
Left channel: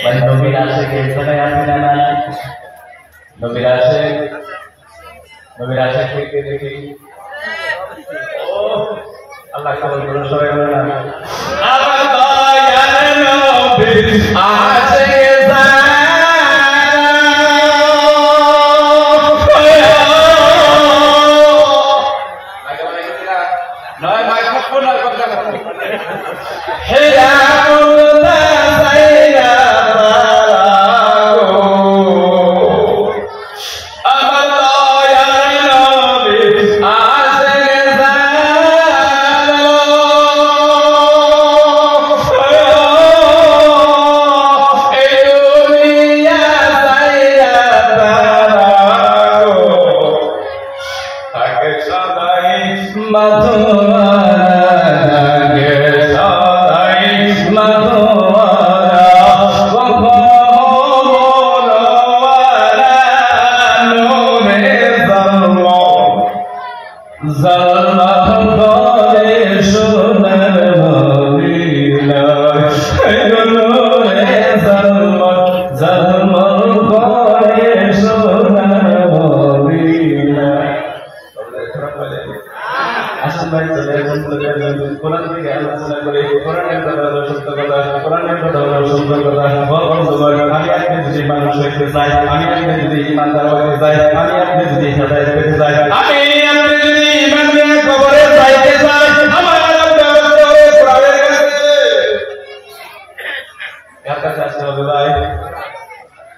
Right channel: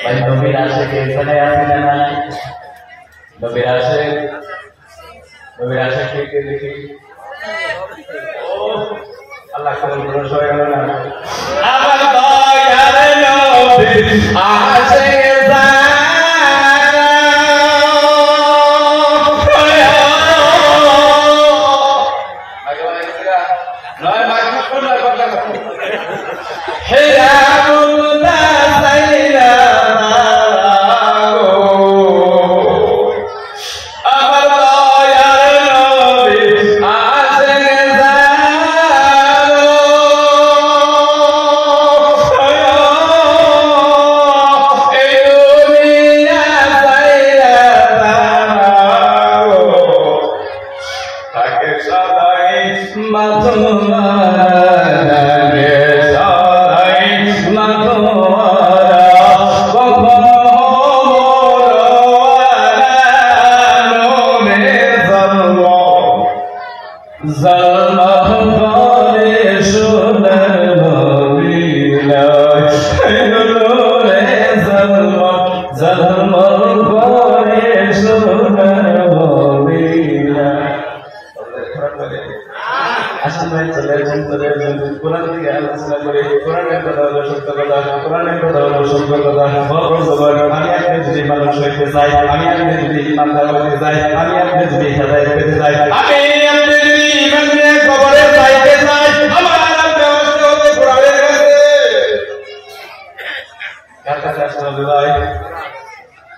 ভাই নবীর আশিক এখানে আছে না নাই? নবীর আশিক কে দেখি ও আল্লাহ কবুল করুন সবাই বলেন আমার দয়ার নবীর আশিক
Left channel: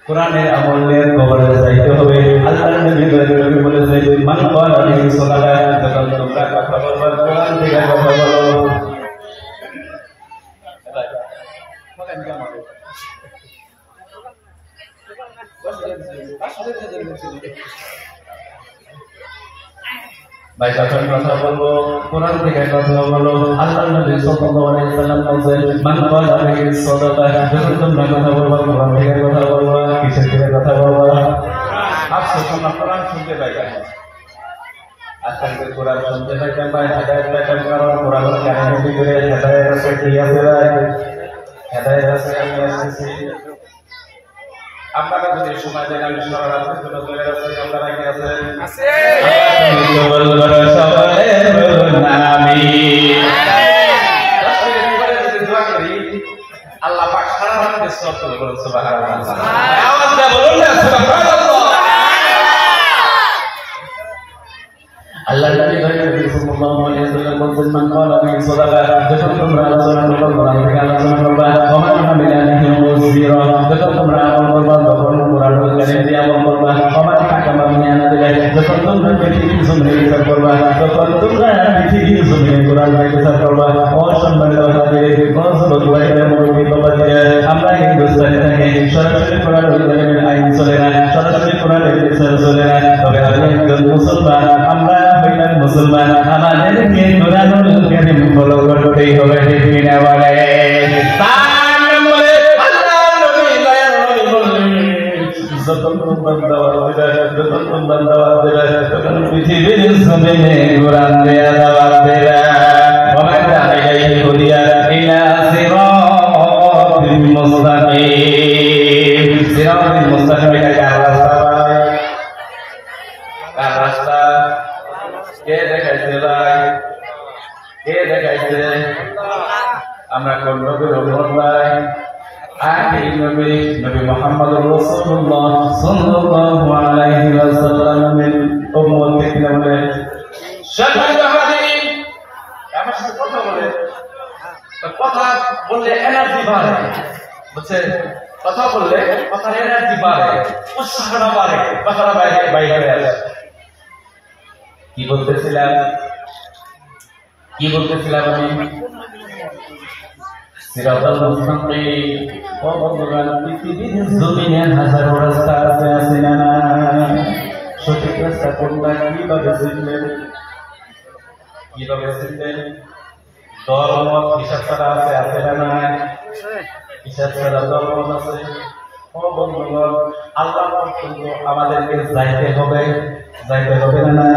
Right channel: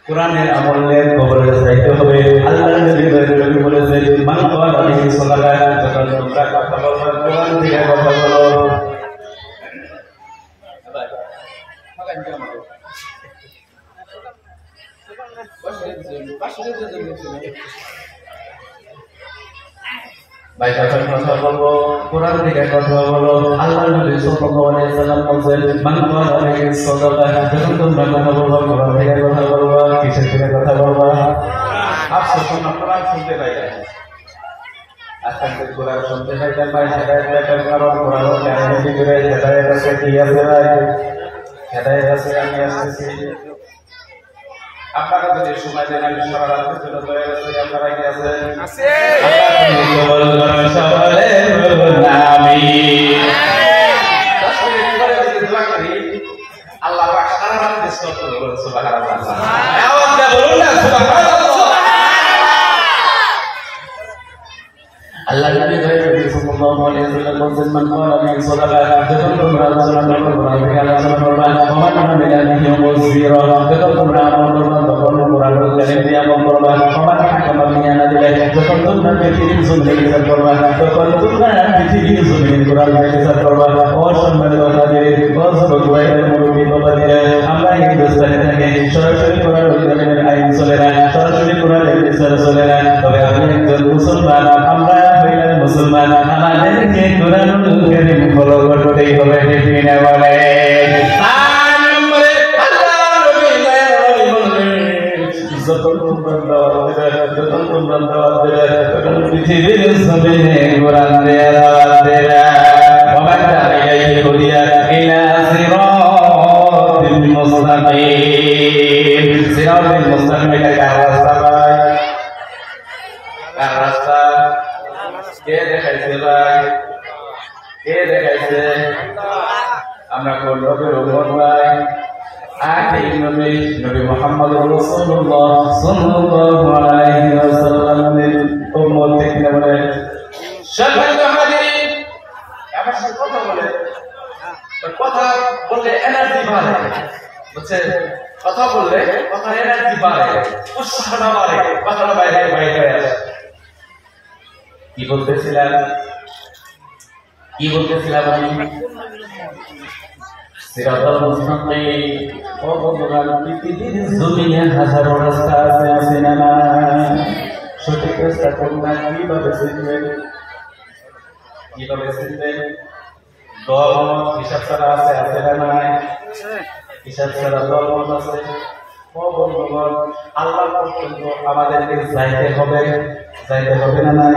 কোরআনের আমল নিয়ে কবরে যাইতে হবে। আল্লাহর নবী বলেছেন মান ক্বালা আলাইহি সাল্লাল্লাহু আলাইহি ওয়াসাল্লাম তোমরা কথা বলবা কোরআন থেকে কথা বলো। ভাই যখন কথা বলবো কোরআন থেকে কথা বলো। আল্লাহর নবী সাল্লাল্লাহু আলাইহি ওয়াসাল্লাম বলেন মান ক্বালা আলাইহি সাল্লাল্লাহু যখন তোমরা কথা বলবা কোরআন থেকে কথা বলবা। কিসের থেকে কথা বলবা? আফসোস আমরা কোরআন শুনতে পাই না। আজকে কোরআন শুনতে পাই না ভাই হেদায়েত দেখেন আমরা কোরআনের কাহিনী ভিতরে হেদায়েত আছে কি আছে ভাই? হেদায়েত আছে আমি আসতেছি। আপনারা যদি সময় দেন আমি সরাসরি চলে যাচ্ছি। আপনারা কি আছে? আছে। সকালে বলুন আমিন। আল্লাহ পাক সারা রাত স্তোত্র করুন সুবহানাল্লাহ। আওয়াজ দিয়ে বলুন না সুবহানাল্লাহ। আল্লাহ নবী সাল্লাল্লাহু আলাইহি ওয়াসাল্লাম বলেন মান ক্বালা মিন সালাহ যখন তোমরা আলোচনা করবে কোরআন থেকে আলোচনা করবে ওমান বিলাহি ওয়াসবিরা যখন তোমরা আমল করবে তখন কোরআনের কালিম দিয়ে আমল করবে ওমান হাকামা মিনানা দিলে যখন তোমরা পৃথিবীর জমিনে বিচার করবে তখন তোমরা পৃথিবীর জমিনে কোরআন দিয়ে বিচার করবে। অসম্মানিত হাজির গজব কুরাইবের মুরব্বি বাবা দিলে আমরা হিন্দুস্তানে থাকি সরাসরি কোরআনের আইন চলে না, সরাসরি কোরআনের বিচার চলে না। তবে আমি একজন মুসলমান, আমরা হইলাম মুসলমান, আমাদেরকে কোরআনুল কারীম ফলো করতেই হবে। ঠিক না বলে? তার নম্বরে আল্লাহর নবী বললেন যখন তোমরা দাওয়াত দেবে তখন পৃথিবীর জমিনে কোরআন দেয়া দাওয়াত দেবে। ওয়া মান ইলাইহি হুদিয়া ইলা সিরাতিল মুস্তাকিম। সিরাতিল মুস্তাকিম এটা কার রাস্তা ভাই? কার রাস্তা? কে দেখাইছে ভাই? কে দেখাইছে? আমরা কোন নবীর উম্মত ভাই? আগে নবী মুহাম্মদ রাসূলুল্লাহ সাল্লাল্লাহু আলাইহি ওয়াসাল্লামের উম্মত থেকে নবী শাহাদ হাদিস। আমার সাথে কথা বলে তো কথা বললে এনার্জি বাড়ে, বুঝছেন? কথা বললে কথার এনার্জি বাড়ে, উৎসাহটা বাড়ে, কথাটা বাইরে আসে। কি বলতেছিলাম আমি? সিরাতাল মুস্তাকিম। ও বন্ধুগণ, পৃথিবীর জমিনে হাজারো রাস্তা আছে না নাই? সঠিক রাস্তা কোনটা কিভাবে চিনবেন? দলমত হিসাব ছাড়া আছে না নাই? হিসাব ছাড়া দলমত আছে। ও বন্ধুগণ, আল্লাহ পর্যন্ত আমাদেরকে যাইতে হবে না নাই?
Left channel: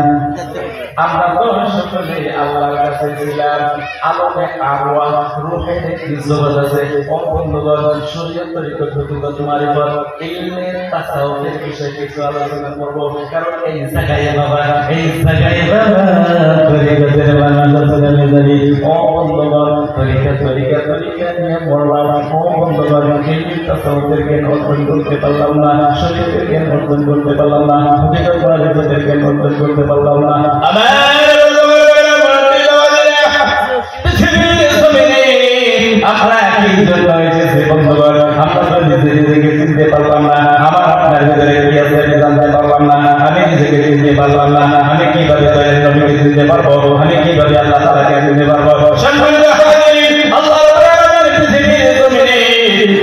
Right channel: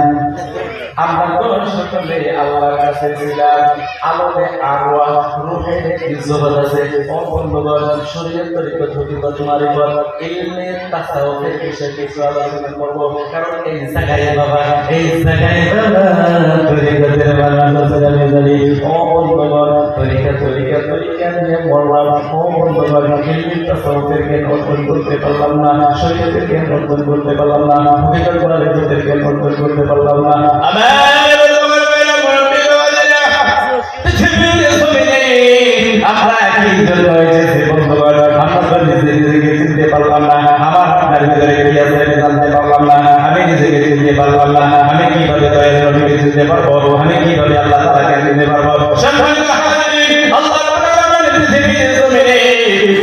আমরা তো সকলে আল্লাহর কাছে ছিলাম, আলমে আরওয়াহ রূহের একটি জগৎ আছে। ও বন্ধুগণ, শরীয়ত তরিকত হকিকত মারিফত ইলমে তাসাউফের বিষয়ে কিছু আলোচনা করব। কারণ এই জায়গায় বাবা তরিকতের মানুষ আছে। ও বন্ধুগণ, তরিকা নিয়ে বললাম। ও বন্ধুগণ, ইলমে তাসাউফের জ্ঞান অর্জন করতে পারলাম না, শরীয়তের জ্ঞান অর্জন করতে পারলাম না, হকিকত মারিফতের জ্ঞান অর্জন করতে পারলাম না। আমরা একই জন্য এসেছি বন্ধুগণ, আমরা নিজেকে চিনতে পারলাম না। আমার আপনার ভিতরে কি আছে আমি জানতে পারলাম না। আমি নিজেকে চিনতে পারলাম না। আমি কিভাবে দয়ার নবীকে চিনতে পারবো? আমি কিভাবে আল্লাহ তাআলাকে চিনতে পারবো?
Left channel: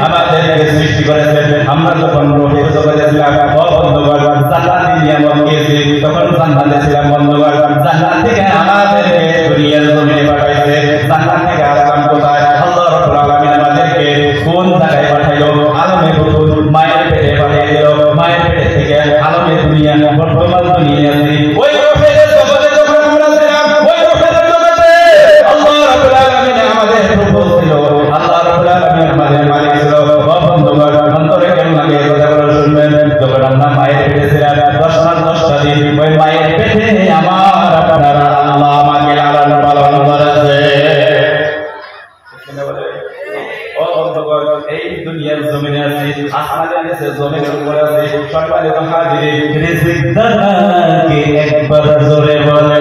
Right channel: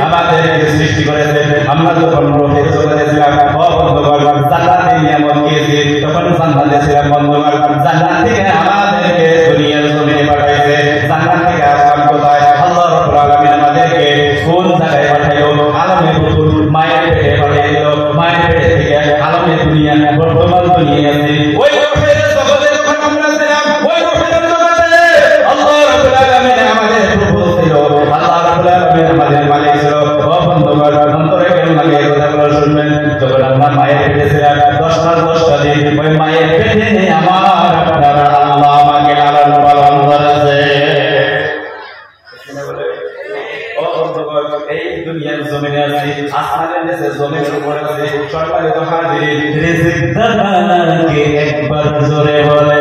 আমাদেরকে সৃষ্টি করেছেন। আমরা যখন রূহের জগতে ছিলাম, বন্ধুগণ, জান্নাতে নিয়ামত পেয়েছি, তখন জান্নাতে ছিলাম বন্ধুগণ। জান্নাত থেকে আমাদেরকে দুনিয়ার জমিনে পাঠাইছে। জান্নাত থেকে আসলাম কোথায়? আল্লাহ রাব্বুল আলামিন আমাদেরকে কোন জায়গায় পাঠাইলো? আলমে বুতুন, মায়ের পেটে পাঠিয়ে দিল। মায়ের পেটে থেকে আলমে দুনিয়া, বর্তমান দুনিয়া আছে। ওই রূহের জগতে যখন আমরা ছিলাম, ওই রূহের জগতে আল্লাহ রাব্বুল আলামিন আমাদের প্রভু ছিল। আল্লাহ রাব্বুল আলামিন আমাদের মালিক ছিল। বন্ধুগণ, অন্তরে জ্ঞান লাগিয়ে কথাগুলো শুনবেন। যখন আমরা মায়ের পেটে ছিলাম 10 দিন, ওই মায়ের পেটে আমার আপনার আল্লাহ আমাকে লালন পালন করেছে। ও বন্ধুগণ, এই দুনিয়ার জমিনে আছি, আসমানের নিচে জমিনের উপরে আছি। সম্মানিত হাজির, রিজিক দাতাকে একবার জোরে বলে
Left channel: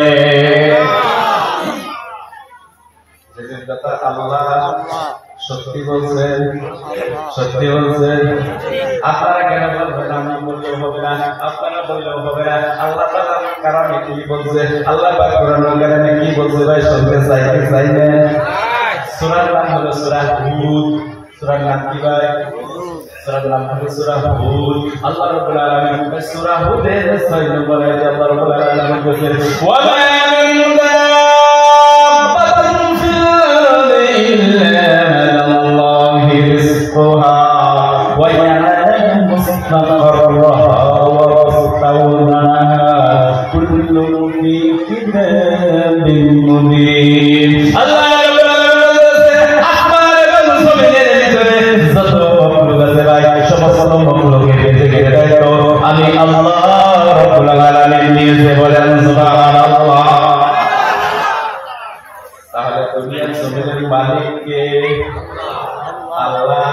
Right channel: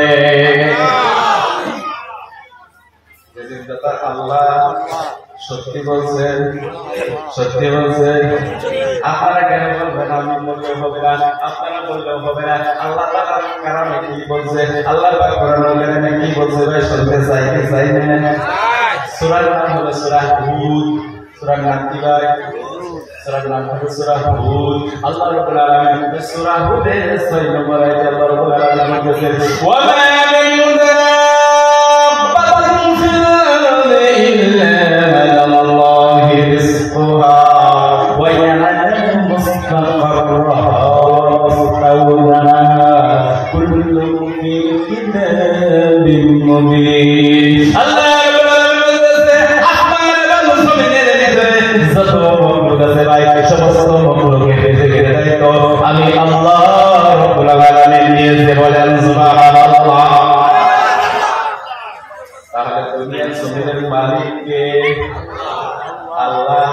রিজিক দাতা আল্লাহ। সত্যি বলছেন, সত্যি বলছেন। আপনারা কেন বলবেন? আমি বললেও হবে না, আপনারা বললেও হবে না। আল্লাহ তাআলার কারণে কি বলছে? আল্লাহ পাক কোরআনুল কারীমে কি বলছে ভাই শুনতে চাই না? সূরার নাম হলো সূরা হুদ। সূরার নাম কি ভাই? সূরার নাম হলো সূরা হুদ। আল্লাহ রাব্বুল আলামিন সূরা হুদের 6 নম্বর আয়াতে আল্লাহ রাব্বুল আলামিন বলেছেন, ওয়া মা মিন দাব্বাতিন ফিল আরদি ইল্লা আলাল্লাহি রিজকুহা ওয়া ইয়ালামু মুস্তাকাররাহা ওয়া মুস্তাওদাহা কুল্লুন ফি কিতাবিন মুবিন। আল্লাহ আমি আল্লাহ রাব্বুল আলামিন নিয়েছে, বলেন সুবহানাল্লাহ। তাহলে দুনিয়ার জমিনের মালিক কে? আল্লাহ।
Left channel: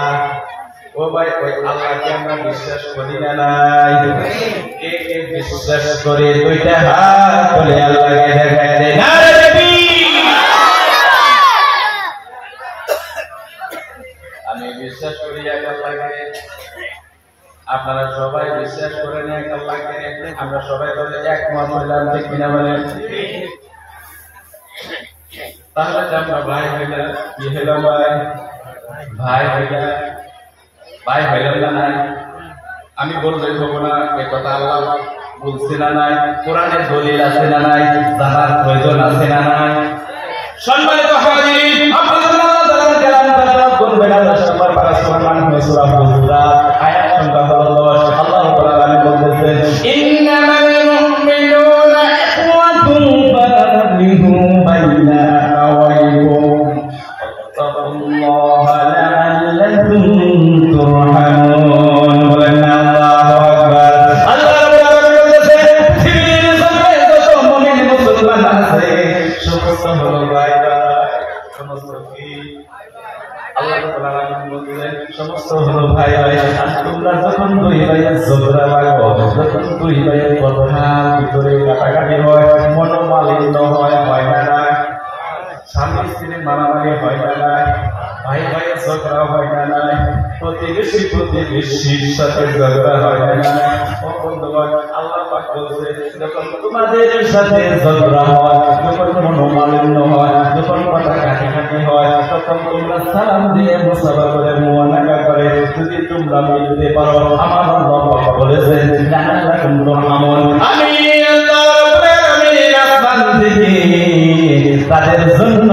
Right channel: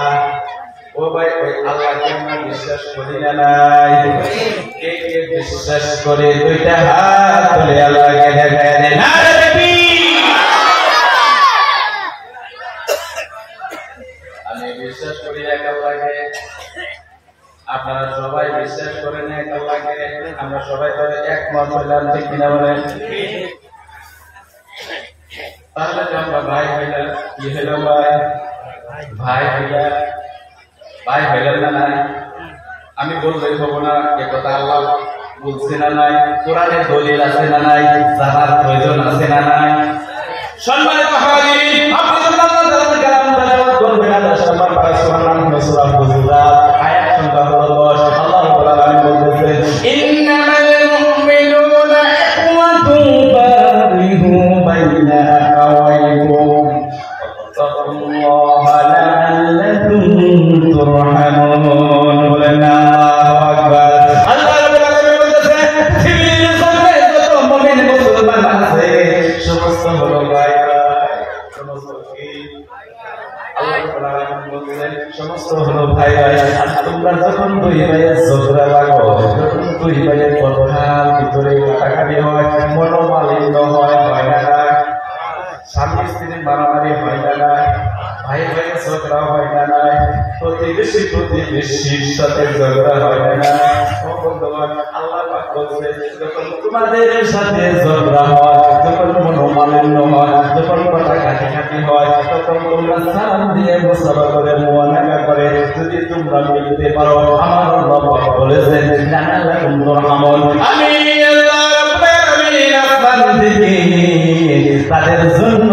ও ভাই, ওই আল্লাহকে আমরা বিশ্বাস করি না নাই? কে কে বিশ্বাস করে? দুইটা হাত তুলে আল্লাহকে দেখায় দেয়। নারে তাকবীর। আমি বিশ্বাস করি এক আল্লাহকে, আপনারা সবাই বিশ্বাস করেন এক আল্লাহকে। আমরা সবাই তো একমত হইলাম, ঠিক কিনা বলেন? তাহলে যে আমরা ভাই হইলাম, কি হইলাম ভাই? ভাই হইলাম না নাই? আমি বললেই হবো না, এ কথা আল্লাহ বলছে না নাই? কোরআনে দলিল আছে না নাই? জানার প্রয়োজন আছে না নাই? সম্মানিত হাজিরিন, আপনারা আল্লাহ তাআলার কালাম তেলাওয়াত করবেন। আল্লাহ সুবহানাহু ওয়া তাআলা সূরা হুজুরাত আয়াত সংখ্যা 10। আল্লাহ রাব্বুল আলামিন বলেছেন, ইন্নামাল মুমিনুনা ইখওয়াতুন ফারিহু বাইনা আওয়াইকুম ওয়াত্তাকুল্লাহা লাআল্লাকুম তুরহামুন। আল্লাহু আকবার। আল্লাহ রাব্বুল আলামিন বলেছেন, পৃথিবীর জমিনে যত মুমিন মুসলমান আছে সমস্ত হলো ভাই। সমস্ত কি? আল্লাহ রাব্বুল আলামিন বলেন সমস্ত হলো ভাই। তোমরা যখন দুই ভাইয়ের ঝগড়া লাগো, যখন দুই ভাইয়ের কথা ভিতরে কাটাকাটি হয়, মনোমালিন্য হয়, হয় না? স্বামী স্ত্রীর মারামারি হয় না? ভাই ভাইয়ের ঝগড়া হয় না? প্রতিবেশীর সাথে ঝগড়া হয় না? ও বন্ধুগণ, আল্লাহ পাক বলছে, যখন তোমাদের সাথে ঝগড়া হয়, যখন মনোমালিন্য হয়, যখন কথা কাটাকাটি হয়, তখন তোমরা সালাম দিয়ে মুসাফা করে মুআনাকা করে যদি তোমরা মিলতে পারো, আমার আল্লাহ পাক বলেছেন, লাআল্লাকুম তুরহামুন। আমি আল্লাহ রাব্বুল আলামিন আসমান থেকে তাদের জন্য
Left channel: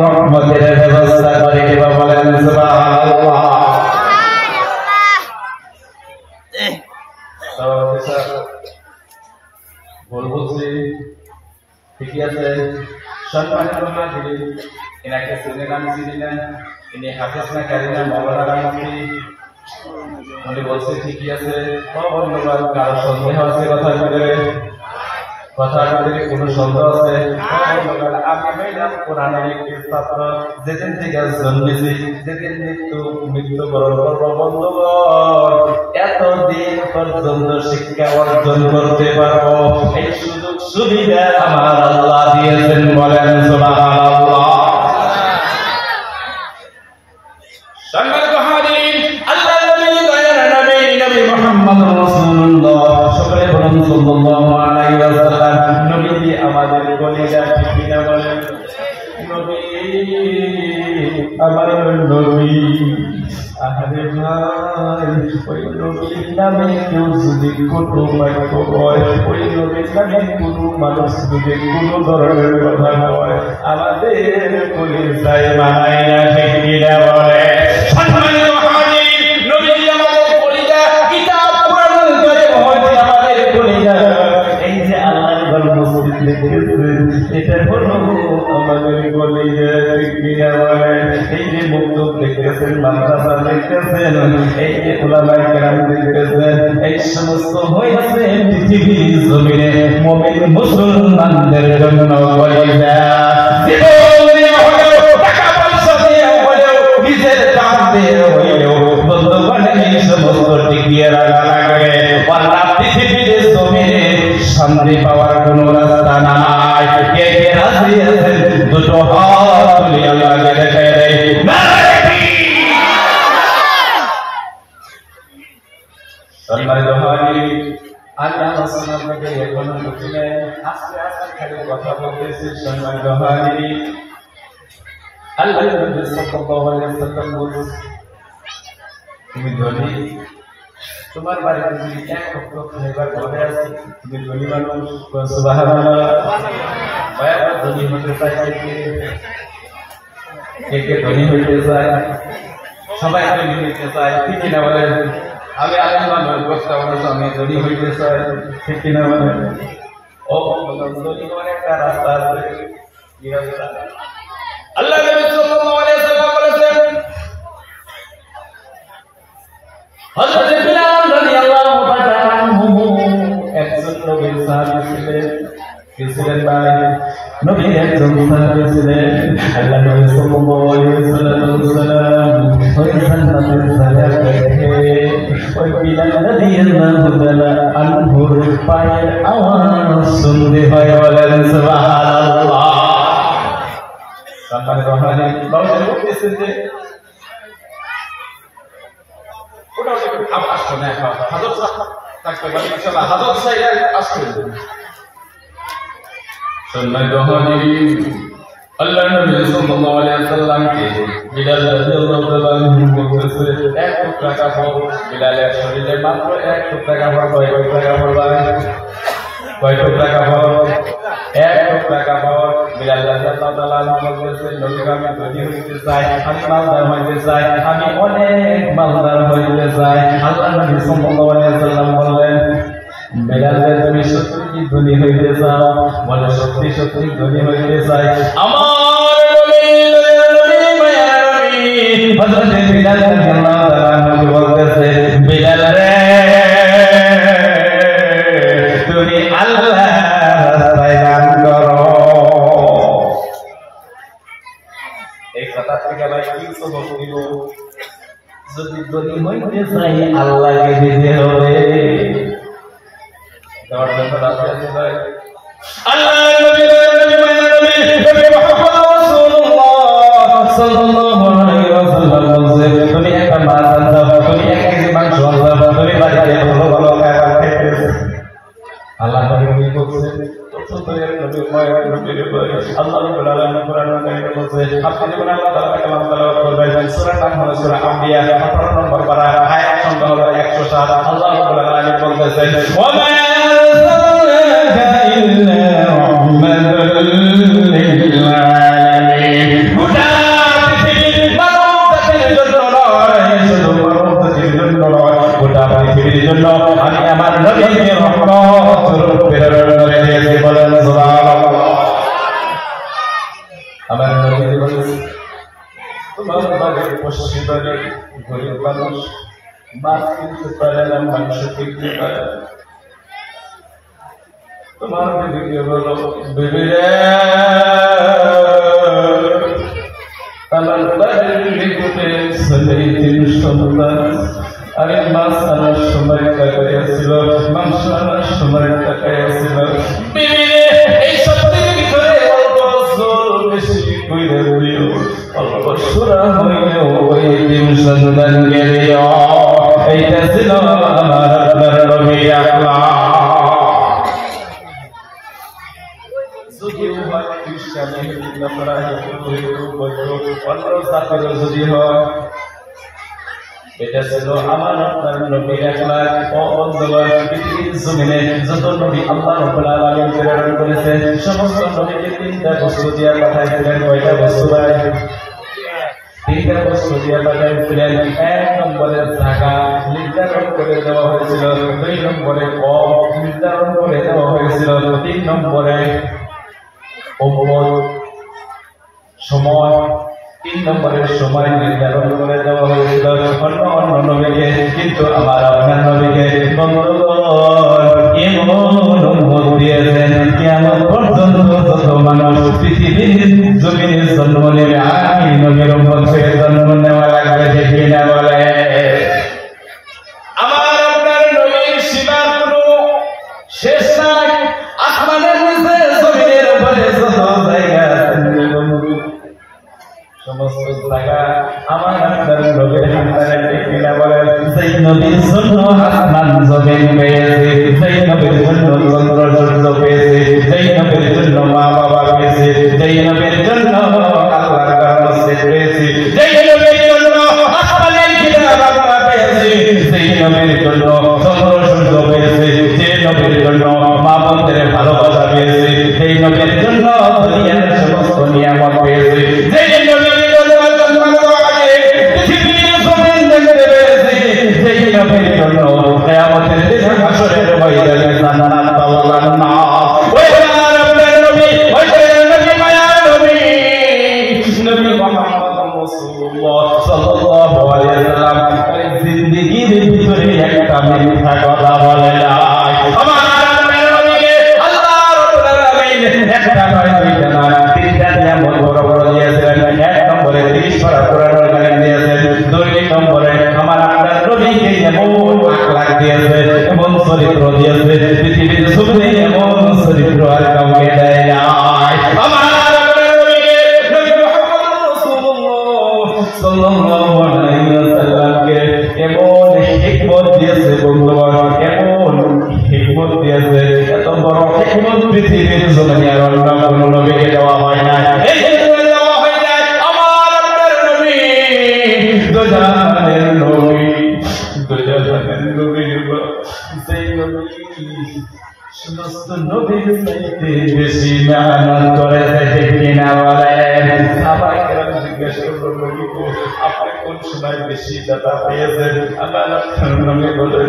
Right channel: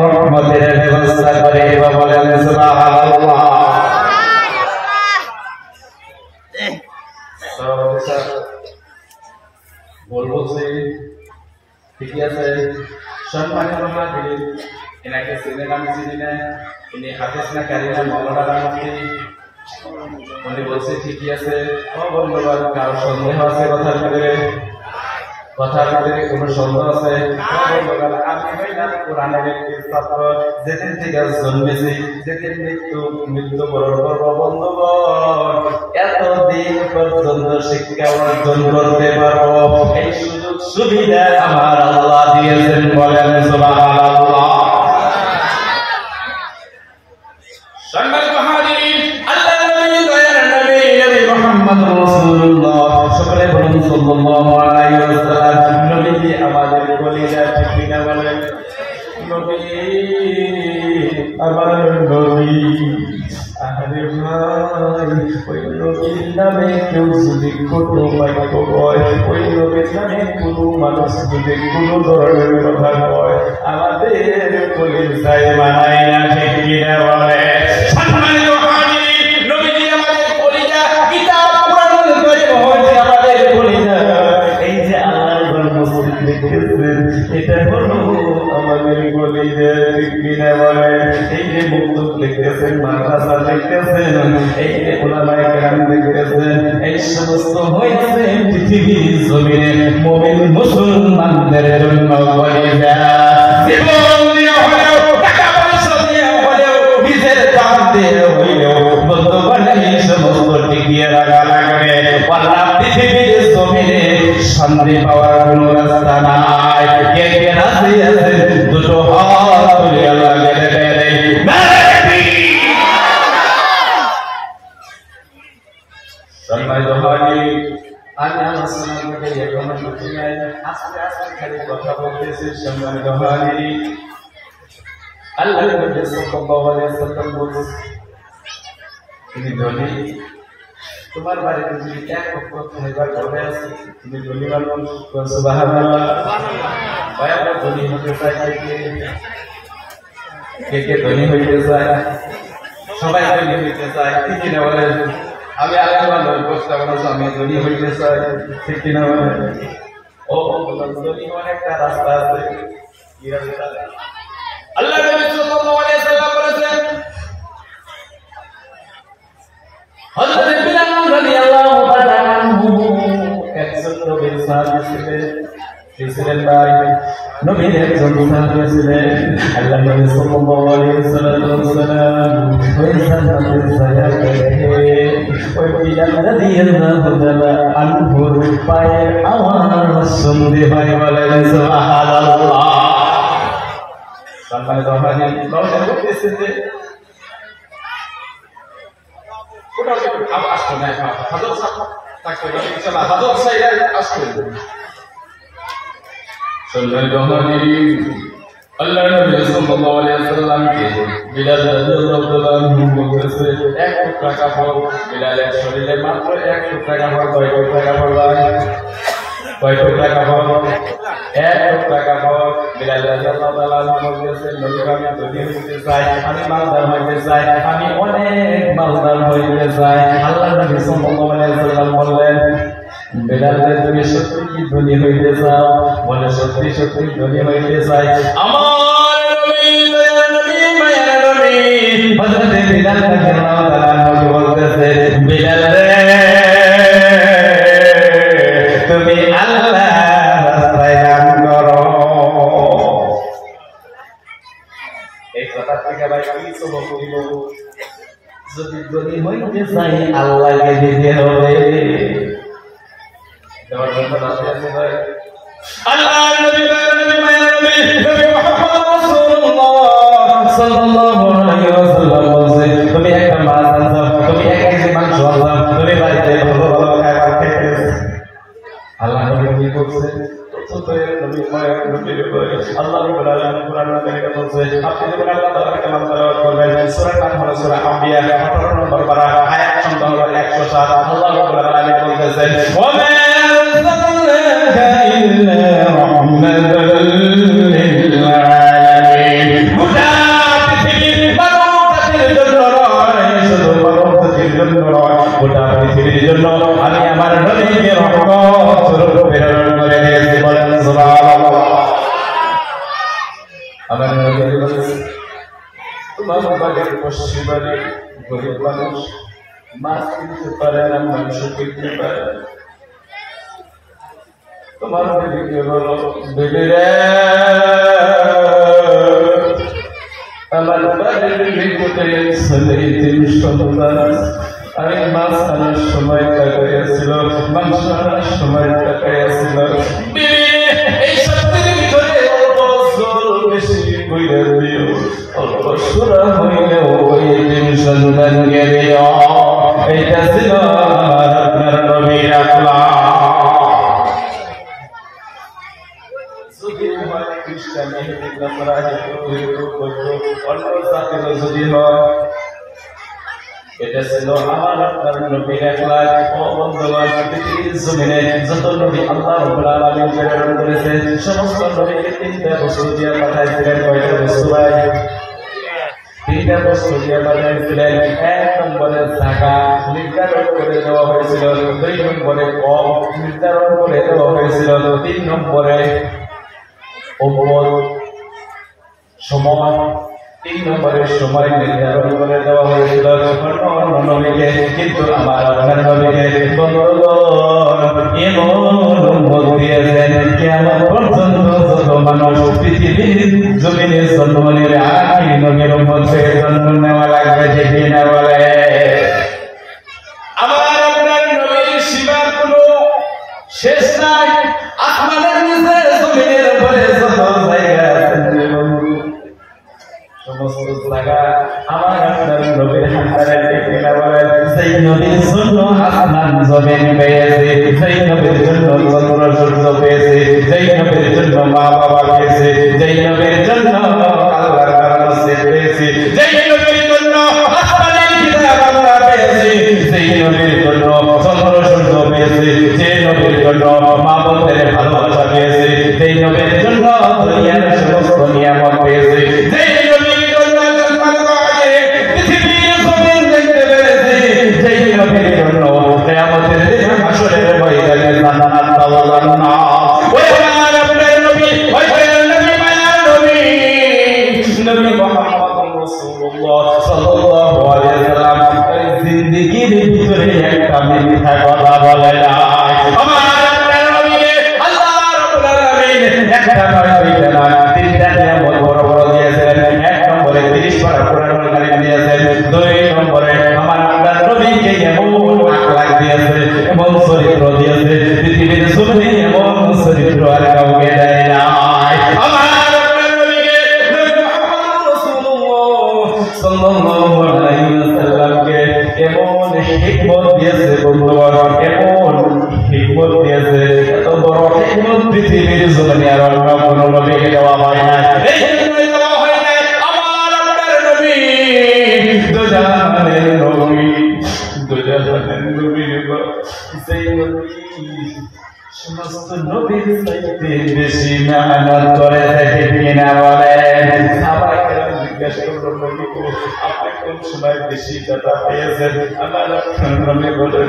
রহমতের ব্যবস্থা করে দেব, বলেন সুবহানাল্লাহ। এনাকে চেনেন আমি চিনি না, ইনি হাফেজ না কারিনা মৌলানা মুফতি। উনি বলছে ঠিকই আছে। বন্ধুবান কারো সন্দেহ আছে কথার ভিতরে? কথার ভিতরে কোনো সন্দেহ আছে? আমি হইলাম কোরআনের একটি ছাত্র, যেদিন থেকে জন্মেছি যেদিন মৃত্যুবরণ করবো বন্ধুগণ, এতদিন পর্যন্ত শিক্ষা অর্জন করতে পারবো এই সুযোগ সুবিধা আমার আল্লাহ দিয়েছেন। বলেন সুবহানাল্লাহ। সম্মানিত হাজিরিন, আল্লাহর নবী দয়ার নবী নবী মুহাম্মদ রাসূলুল্লাহ সকলে বলুন সাল্লাল্লাহু আলাইহি ওয়াসাল্লাম। নবী আমাদের কলিজা, ঠিক কিনা বলেন? নবী আমার নবী। আরে ভাই, ওই নবীর নামে কেউ যদি কোনো বাক্য কয়, ওই নবীর নামে কোনো মানুষ যদি কোনো ধরনের কথা কয়, আমাদের কলিজায় মানায় না, ঠিক কিনা বলে? এটা হলো আমাদের কলিজা, ঠিক কিনা বলে? এই যে মুক্তব দেখতেছেন, মাদ্রাসা দেখতেছেন, এই যে উলামায়ে কেরাম দেখতেছেন, এই সমস্ত হয়েছে পৃথিবীর জমিনে মুমিন মুসলমানদের জন্য কলিজা। জীবন দিয়ে হলেও, টাকা পয়সা দিয়ে হলেও, নিজের জান দিয়ে হলেও বন্ধুগণ এই সমস্ত টিকিয়ে রাখা লাগবে। আল্লাহ পৃথিবীর জমিনে শান্তি পাওয়ার কোনো রাস্তা নাই। কে কে রাজি আছেন? দুটো হাত তুলে আল্লাহকে দেখায় দেয়। সম্মানিত হাজিরিন, আমি আলোচনার মধ্যে এখনো বুঝি নাই, আস্তে আস্তে খালি কথা বলতেছি। সম্মানিত হাজিরিন, আল্লাহর নবী সাল্লাল্লাহু আলাইহি ওয়াসাল্লাম বলেন, তুমি ধনী, তোমার বাড়িতে যদি এক লক্ষ খাইবার ঘরে আছে, তুমি ধনী মানুষ। সুবহানাল্লাহ। আমরা ধনী হতে চাই, কে কে ধনী হইতে চায়? সবাই ধনী হইতে চায়, ঠিক কিনা বলেন? আমি আল্লাহ বলতে বলছি আমি ধনী হইতে চাই, ঠিক কিনা বলেন? ও ধনী হওয়ার একটা রাস্তা আছে। কি রাস্তা? আল্লাহ নবী সাল্লাল্লাহু আলাইহি ওয়াসাল্লাম বলেছেন, হযরত বিলাল রাদিয়াল্লাহু তাআলা আনহু একজন নবীর সাহাবী ছিলেন। কি ছিলেন ভাই? নবীর একজন সাহাবী ছিলেন। আল্লাহ নবী সাল্লাল্লাহু আলাইহি ওয়াসাল্লাম ওই জান্নাতের ছায়া দেখে ওই বিলাল রাদিয়াল্লাহু তাআলা আনহুর পায়ের আওয়াজ শুনতে পায়। বলেন সুবহানাল্লাহ। সম্মানিত হাজির, বাবা বলতেছেন যে আল্লাহ নবী সাল্লাল্লাহু আলাইহি ওয়াসাল্লামকে বিলাল রাদিয়াল্লাহু তাআলা আনহু বলতেছে, এক টুকরা কাপড় বিলালের শরীরে মাত্র এক টুকরা কাপড়। কয় টুকরা কাপড় লাগে? কয় টুকরা কাপড়? এক টুকরা কাপড়। বিলাল রাদিয়াল্লাহু তাআলা আনহু বলতেছে, নবী আমি ধনী হইতে চাই, আমি মালদার হইতে চাই, আমি অনেক মালদার হইতে চাই। আল্লাহ নবী সাল্লাল্লাহু আলাইহি ওয়াসাল্লাম বললেন, বিলাল তুমি সত্যি কি ধনী হইতে চাও? বলে সত্যি সত্যি ধনী হইতে চাই। আমার নবী দয়ার নবী মায়ার নবী হযরত বিলাল রাদিয়াল্লাহু তাআলা আনহু বলতেছে, বিলাল রে তুমি আল্লাহর রাস্তায় গান করো। এই কথা থেকে ভাই কি সবক দিব? যদি ধনী হইতে চাই আল্লাহকে দিতে হবে। আল্লাহ নবী মায়ের নবী নবী মুহাম্মদ রাসূলুল্লাহ সাল্লাল্লাহু আলাইহি ওয়াসাল্লাম বলেছে, তুমি একটা মাছ আনছো, তুমি 1 কেজি মাংস আনছো, তুমি বাড়িতে ভালো ভালো খাবার খেতেছ। আল্লাহ নবী কি বলছে? তোদের নবী মায়ের নবী আল্লাহ রাব্বুল আলামিন কোরআনে কারিমে বলছে, আপনি যখন আল্লাহ তাআলার কালাম তেলাওয়াত করবেন, সূরা নাম হলো সূরা আম্বিয়া 18 নম্বর পারা, আয়াত সংখ্যা হলো 107। আল্লাহ রাব্বুল আলামিন বলতেছেন, ওয়া মা আরসালনাকা ইল্লা রাহমাতাল লিল আলামিন। গোটা পৃথিবীর মানবজাতির জন্য নয়, শুধু মানবজাতির জন্য নয়, গোটা পৃথিবীর জন্য আমি আমার নবীকে রহমত স্বরূপ প্রেরণ করে দিয়েছি। বলেন সুবহানাল্লাহ। আমার নবী বলেছেন, মানুষ মাছ কিনতে পারে না, মাংস কিনতে পারে। তোমার বিবিকে বলো, বিবি রে, আমার বাড়ির নিকটে ছেলে 3 সন্তান, আমি মাছ আনার সময় টাকাইয়াছিল, মাংস আনার সময় টাকাইয়াছিল। বিবি এই সত্যের ভিতরে অল্প জল বেশি কইরা দিও, অল্প সুরা হইলেও ওই 3 সন্তানকে দিও। এইটা ছিল আমার আপনার নবীর আখলাক। যদি হয় খ্রিস্টান, ইহুদি, নাসারা, অন্য জাতের যদি হয়, এটা ছিল আমার আপনার নবীর আখলাক। ও বন্ধুগণ, পৃথিবীর জমিনে যত নবী আল্লাহ রাব্বুল আলামিন প্রেরণ করেছেন, সমস্ত নবীকে 3টা বস্তু দিয়ে পাঠাইছিলেন। কয়টা বস্তু ভাই? 3টা বস্তু দিয়ে পাঠাইছিলেন। 1 নম্বরে যাকাত নির্ধারণ করে দেওয়া হয়েছিল, 2 নম্বরে কম নির্ধারণ করে দেওয়া হয়েছিল, 3 নম্বরে সময়, 3 নম্বরের সময় নির্ধারণ করে দেওয়া হয়েছিল অন্য নবীকে। কিন্তু আমার আপনার নবীকে বন্ধুগণ এমন উম্মত দিয়েছেন, কিয়ামত পর্যন্ত যত মানুষ পৃথিবীর জমিনে জন্ম নেবে, আখির নবীর উম্মত হয়ে জন্ম নেওয়া লাগবে। যে কিনা বলে আমার আপনার নবীর সীমার কোনো শেষ নাই। আসমানের নিচে জমিনের উপরে যত জায়গা আছে, সমস্ত জায়গা আমার আপনার নবীর হাতে। কিনা বলেন, সেই নবীর জন্য আসমান জমিন পেয়েছে, সেই নবীর জন্য চন্দ্র সূর্য পেয়েছে, সেই নবীর জন্য মা বাবা পেয়েছে, সেই নবীর জন্য আল্লাহর মসজিদ পেয়েছে, সেই নবীর জন্য আসমানের কিতাব আমরা পেয়েছি, সেই নবীর জন্য চন্দ্র সূর্য পেয়েছে, সেই নবীর জন্য মা বোনদের ভালোবাসা পেয়েছে, সেই নবীর জন্য দুনিয়ার সমস্ত নিয়ামত পেয়েছে, সেই নবীর জন্য পৃথিবীর জমিন দেখতে পেরেছে, সেই নবীর জন্য কিয়ামতের দিন হাসরের ময়দানে জান্নাত পাওয়ার না। ওই আমার আপনার নবী, ওই নবী মায়ার নবী, নবী মুহাম্মদ রাসূলুল্লাহ সাল্লাল্লাহু আলাইহি ওয়াসাল্লাম এই জিন্দেগীর ভিতরে একটা মিথ্যা কথা বলে না। আমার আপনার নবীকে আল্লাহ রাব্বুল আলামিন একটা নয়, দুইটা নয়, 3টা নিয়ামত বড় বড় দিয়েছেন। 1 নম্বরে 30 পারা কোরআনুল কারীম দিয়েছেন, 2 নম্বরে আমার আপনার নবীকে এমন আখলাক দিয়েছে, এমন চরিত্র দিয়েছে, পৃথিবীর জমিনে এমন চরিত্র আর কাউকে দেয় নাই। আমার আপনার নবীকে, নবী মুহাম্মদ রাসূলুল্লাহ সাল্লাল্লাহু আলাইহি ওয়াসাল্লামকে এমন হিকমত দিয়েছে বন্ধুগণ, এমন হিকমত দিয়েছে, এত বড় হিকমত পৃথিবীর জমিনে আর অন্য কোনো নবীকে দেওয়া হয় না। এই জন্য দেওয়া হয় না আমার আপনার নবী, দুজাহানের নবী, দুজাহানের নবী, সেই নবী সমস্ত নবীর চাইতে বেশি মেহনত করেছে। ঠিক কিনা বলেন? সাহাবায়ে কেরাম জিজ্ঞেস করলো, নবী গো, আপনি কোন সময় বেশি দাতা পেয়েছেন? আমার নবী বলে,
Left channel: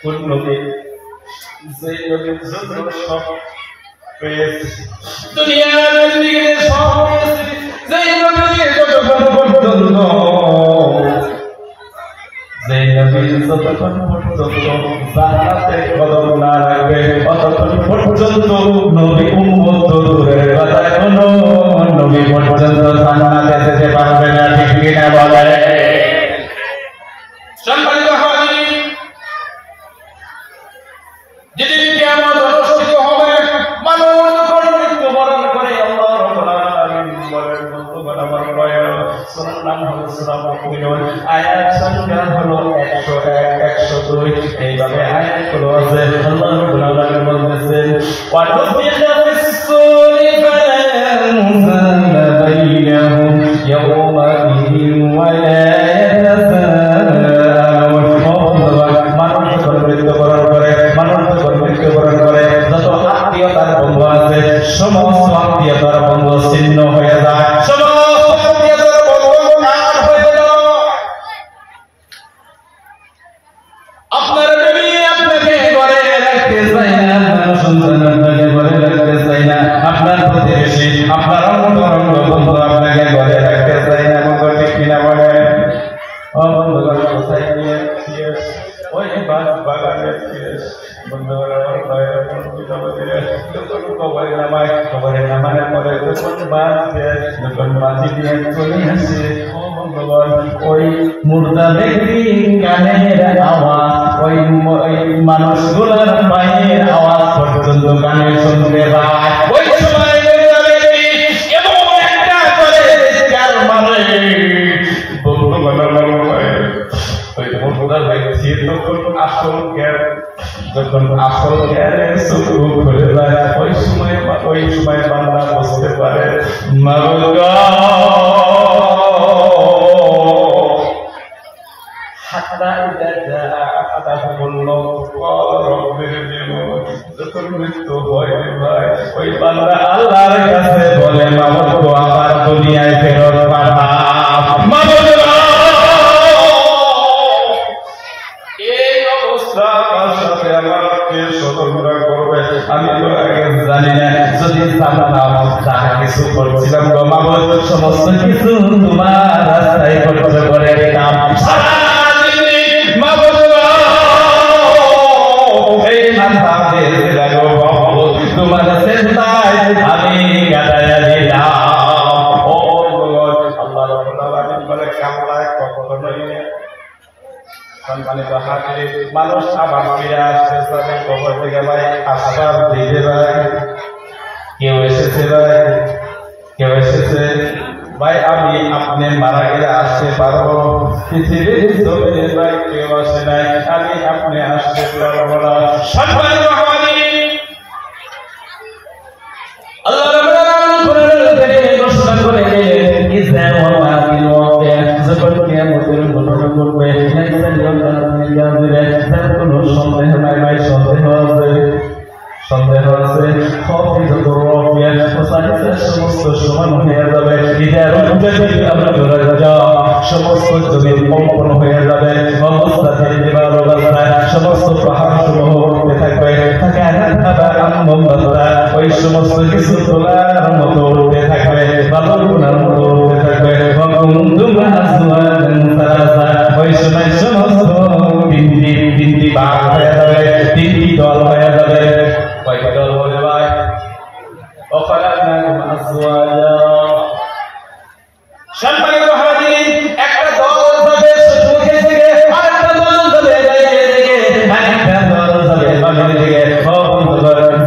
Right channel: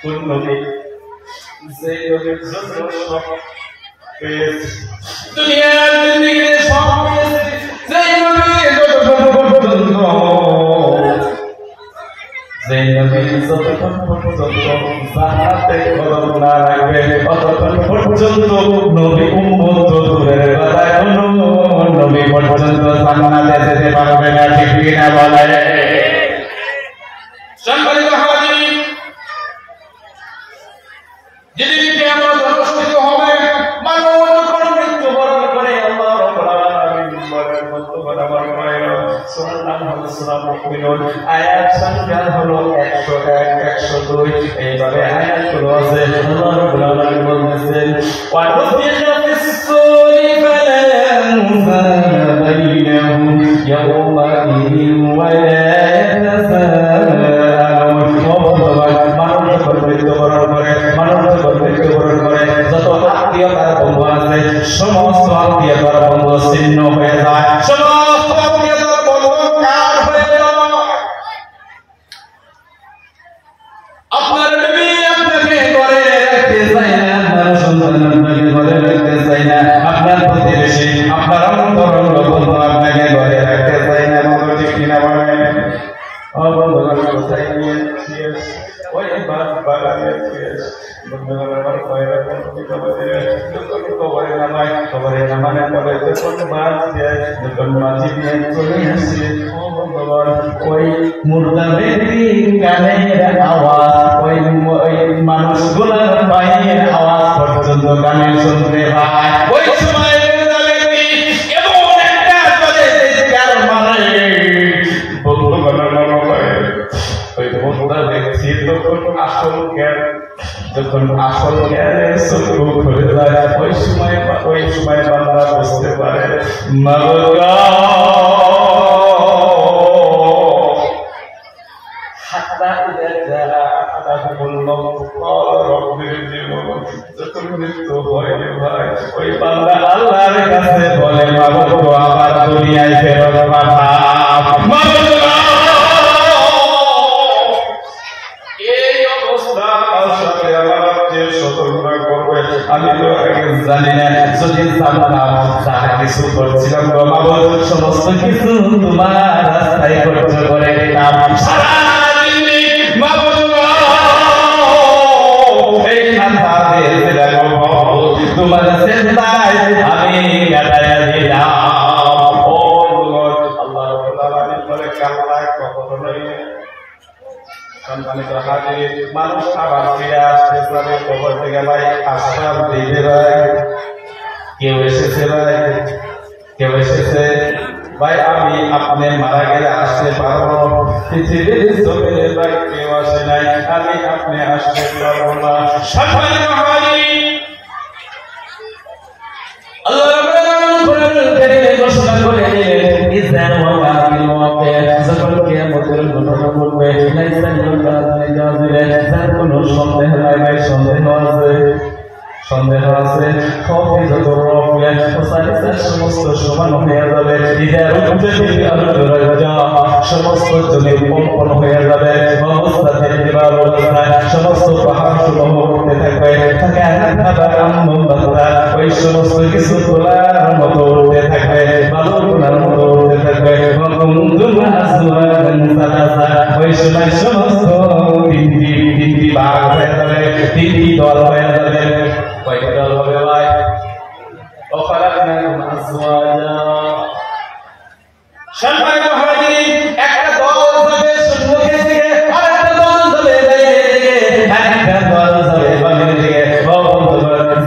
কোন নবী? যেই নবীর জন্য সব পেয়েছে, দুনিয়ার জিন্দেগিতে সব পেয়েছে, যেই নবী যতক্ষণ পর্যন্ত, যেই নবী যতক্ষণ পর্যন্ত জান্নাতে কদম না রাখবে, ততক্ষণ পর্যন্ত নবী উম্মত দূরের কথা কোনো নবী পর্যন্ত জান্নাতে যেতে পারবে না। ঠিক কিনা বলে? সম্মানিত হাজিরিন, যেদিন কিয়ামত অনুষ্ঠিত হবে, মানুষ যখন মৃত্যুবরণ করে, আল্লাহ রাব্বুল আলামিন বলেন, বন্ধুগণ আমার ভাইরা, সূরার নাম হলো সূরা মুমিনুন, আয়াত সংখ্যা হলো 101, 102, এইভাবে আয়াতগুলো আছে। আল্লাহ রাব্বুল আলামিন বলতেছেন, ওয়া নুফিখা ফিস-সূরি ফালা আনসাবা বাইনাহুম ইয়াওমাইযিন ওয়া লা ইয়াতাসাআলুন। মানুষ যখন মৃত্যুবরণ করে, মানুষ যখন মৃত্যুবরণ করে, যত আত্মীয়তার বন্ধু আছে, সমস্ত আত্মীয়তার বন্ধু ছিন্ন হয়ে যায়, সমস্ত আত্মীয়তার বন্ধু কাট হয়ে যায়। আপনার বিবি আপনাকে ঘরে রাখতে চায় না, আপনার সন্তান আপনাকে ঘরে রাখতে চায় না, আপনার প্রতিবেশী, আপনার অন্তরঙ্গ বন্ধু আপনাকে ঘরে রাখতে চায় বন্ধুগণ কোথায় গিয়েছিস ওই বাগানে গিয়েছিস বন্ধুগণ আমার ভাইয়ের কবরে নামায় পরে যখন বাঁচি নিয়ে চলে আসে বন্ধুগণ ওই মুর্দা ব্যক্তি গানের আওয়াজ ওই মানুষগুলোর পায়ের আওয়াজ পর্যন্ত গানে শুনতে পায় ওই সময় যখন আসল জ্ঞানের চক্ষু খুলে যায় ওই সময় বান্দা বুঝতে পারে যখন মৃত্যু হয় ভাই ওই বান্দা আল্লাহর কাছে বলে মাগো আবার দুনিয়ায় ফেরত পাঠাও আমি তো আগে জানি না যদি জানতাম তাহলে কিছু করছিলাম সমস্ত কিছু তোমার রাস্তায় খরচ করে দিতাম তোমার চিন্তায় আমি কাটাইয়া দিলাম মানুষ আবার ফিরে আসতে যাবে কবর থেকে ভাই আসবার দিকে ভাই কেউ এসেছে ভাই আমি আপনি মারা গেলে আসতে পারবো পৃথিবীর জমিনে ভাই কেউ আসে নাই আমি আপনি আসতে পারবো না সন্দেহ আছে সমস্ত সমান হয়ে যাবে সমস্ত জমির কম্পন হয়ে যাবে অবস্থা থেকে অবস্থায় সমস্ত পাহাড় সমূহ করতে থাকবে ওই সমস্ত কিছু তোলার মতো উঠতে থাকবে বাবুর মতো উঠতে থাকবে ওই সময় সমস্ত তিনটি ভাগ হয়ে যাবে তিনটি দল হয়ে যাবে কয়টি দল বলে ভাই একটা দল যাবে সম্মুখের দিকে আরেকটা দল যাবে আরেকটা দল যাবে বামের দিকে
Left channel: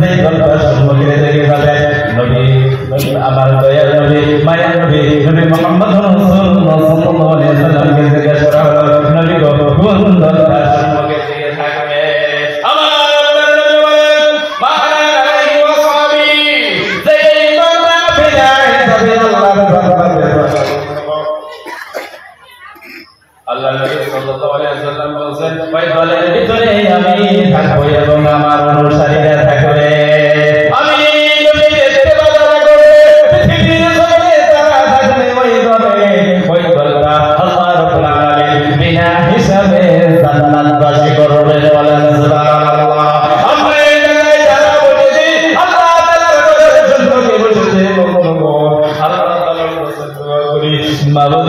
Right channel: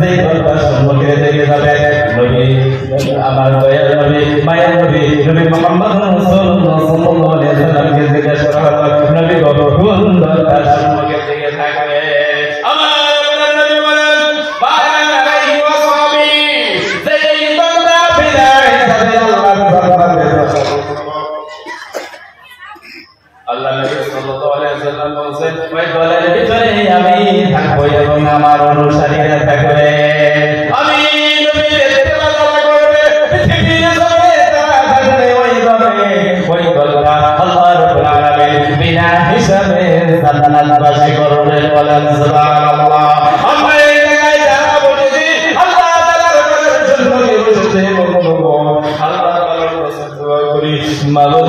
যেই দলটা সম্মুখের দিকে যাবে নবী আমার দয়াল নবী মায়ের নবী মুহাম্মদ সাল্লাল্লাহু আলাইহি ওয়াসাল্লামকে জিজ্ঞাসা করা হলো নবী কোন দলটা সম্মুখের দিকে থাকবে আল্লাহ নবী সাল্লাল্লাহু আলাইহি ওয়াসাল্লাম বলেন ওই দলের ভিতরে আমি থাকব এবং আমার অনুসারীরা থাকবে আমি নবীর ইত্তেবা করবে পৃথিবীর জমিনে তারা থাকবে ওই দলটা আল্লাহ রাব্বুল আলামিন বিনা হিসাবে জান্নাতবাসী করবে বলেন সুবহানাল্লাহ আমরা এই জায়গায় যারা বলেছি আল্লাহ তাআলার ঘরের জন্য কে বসেছে আল্লাহ তাআলার কাছে দোয়া করি মাগো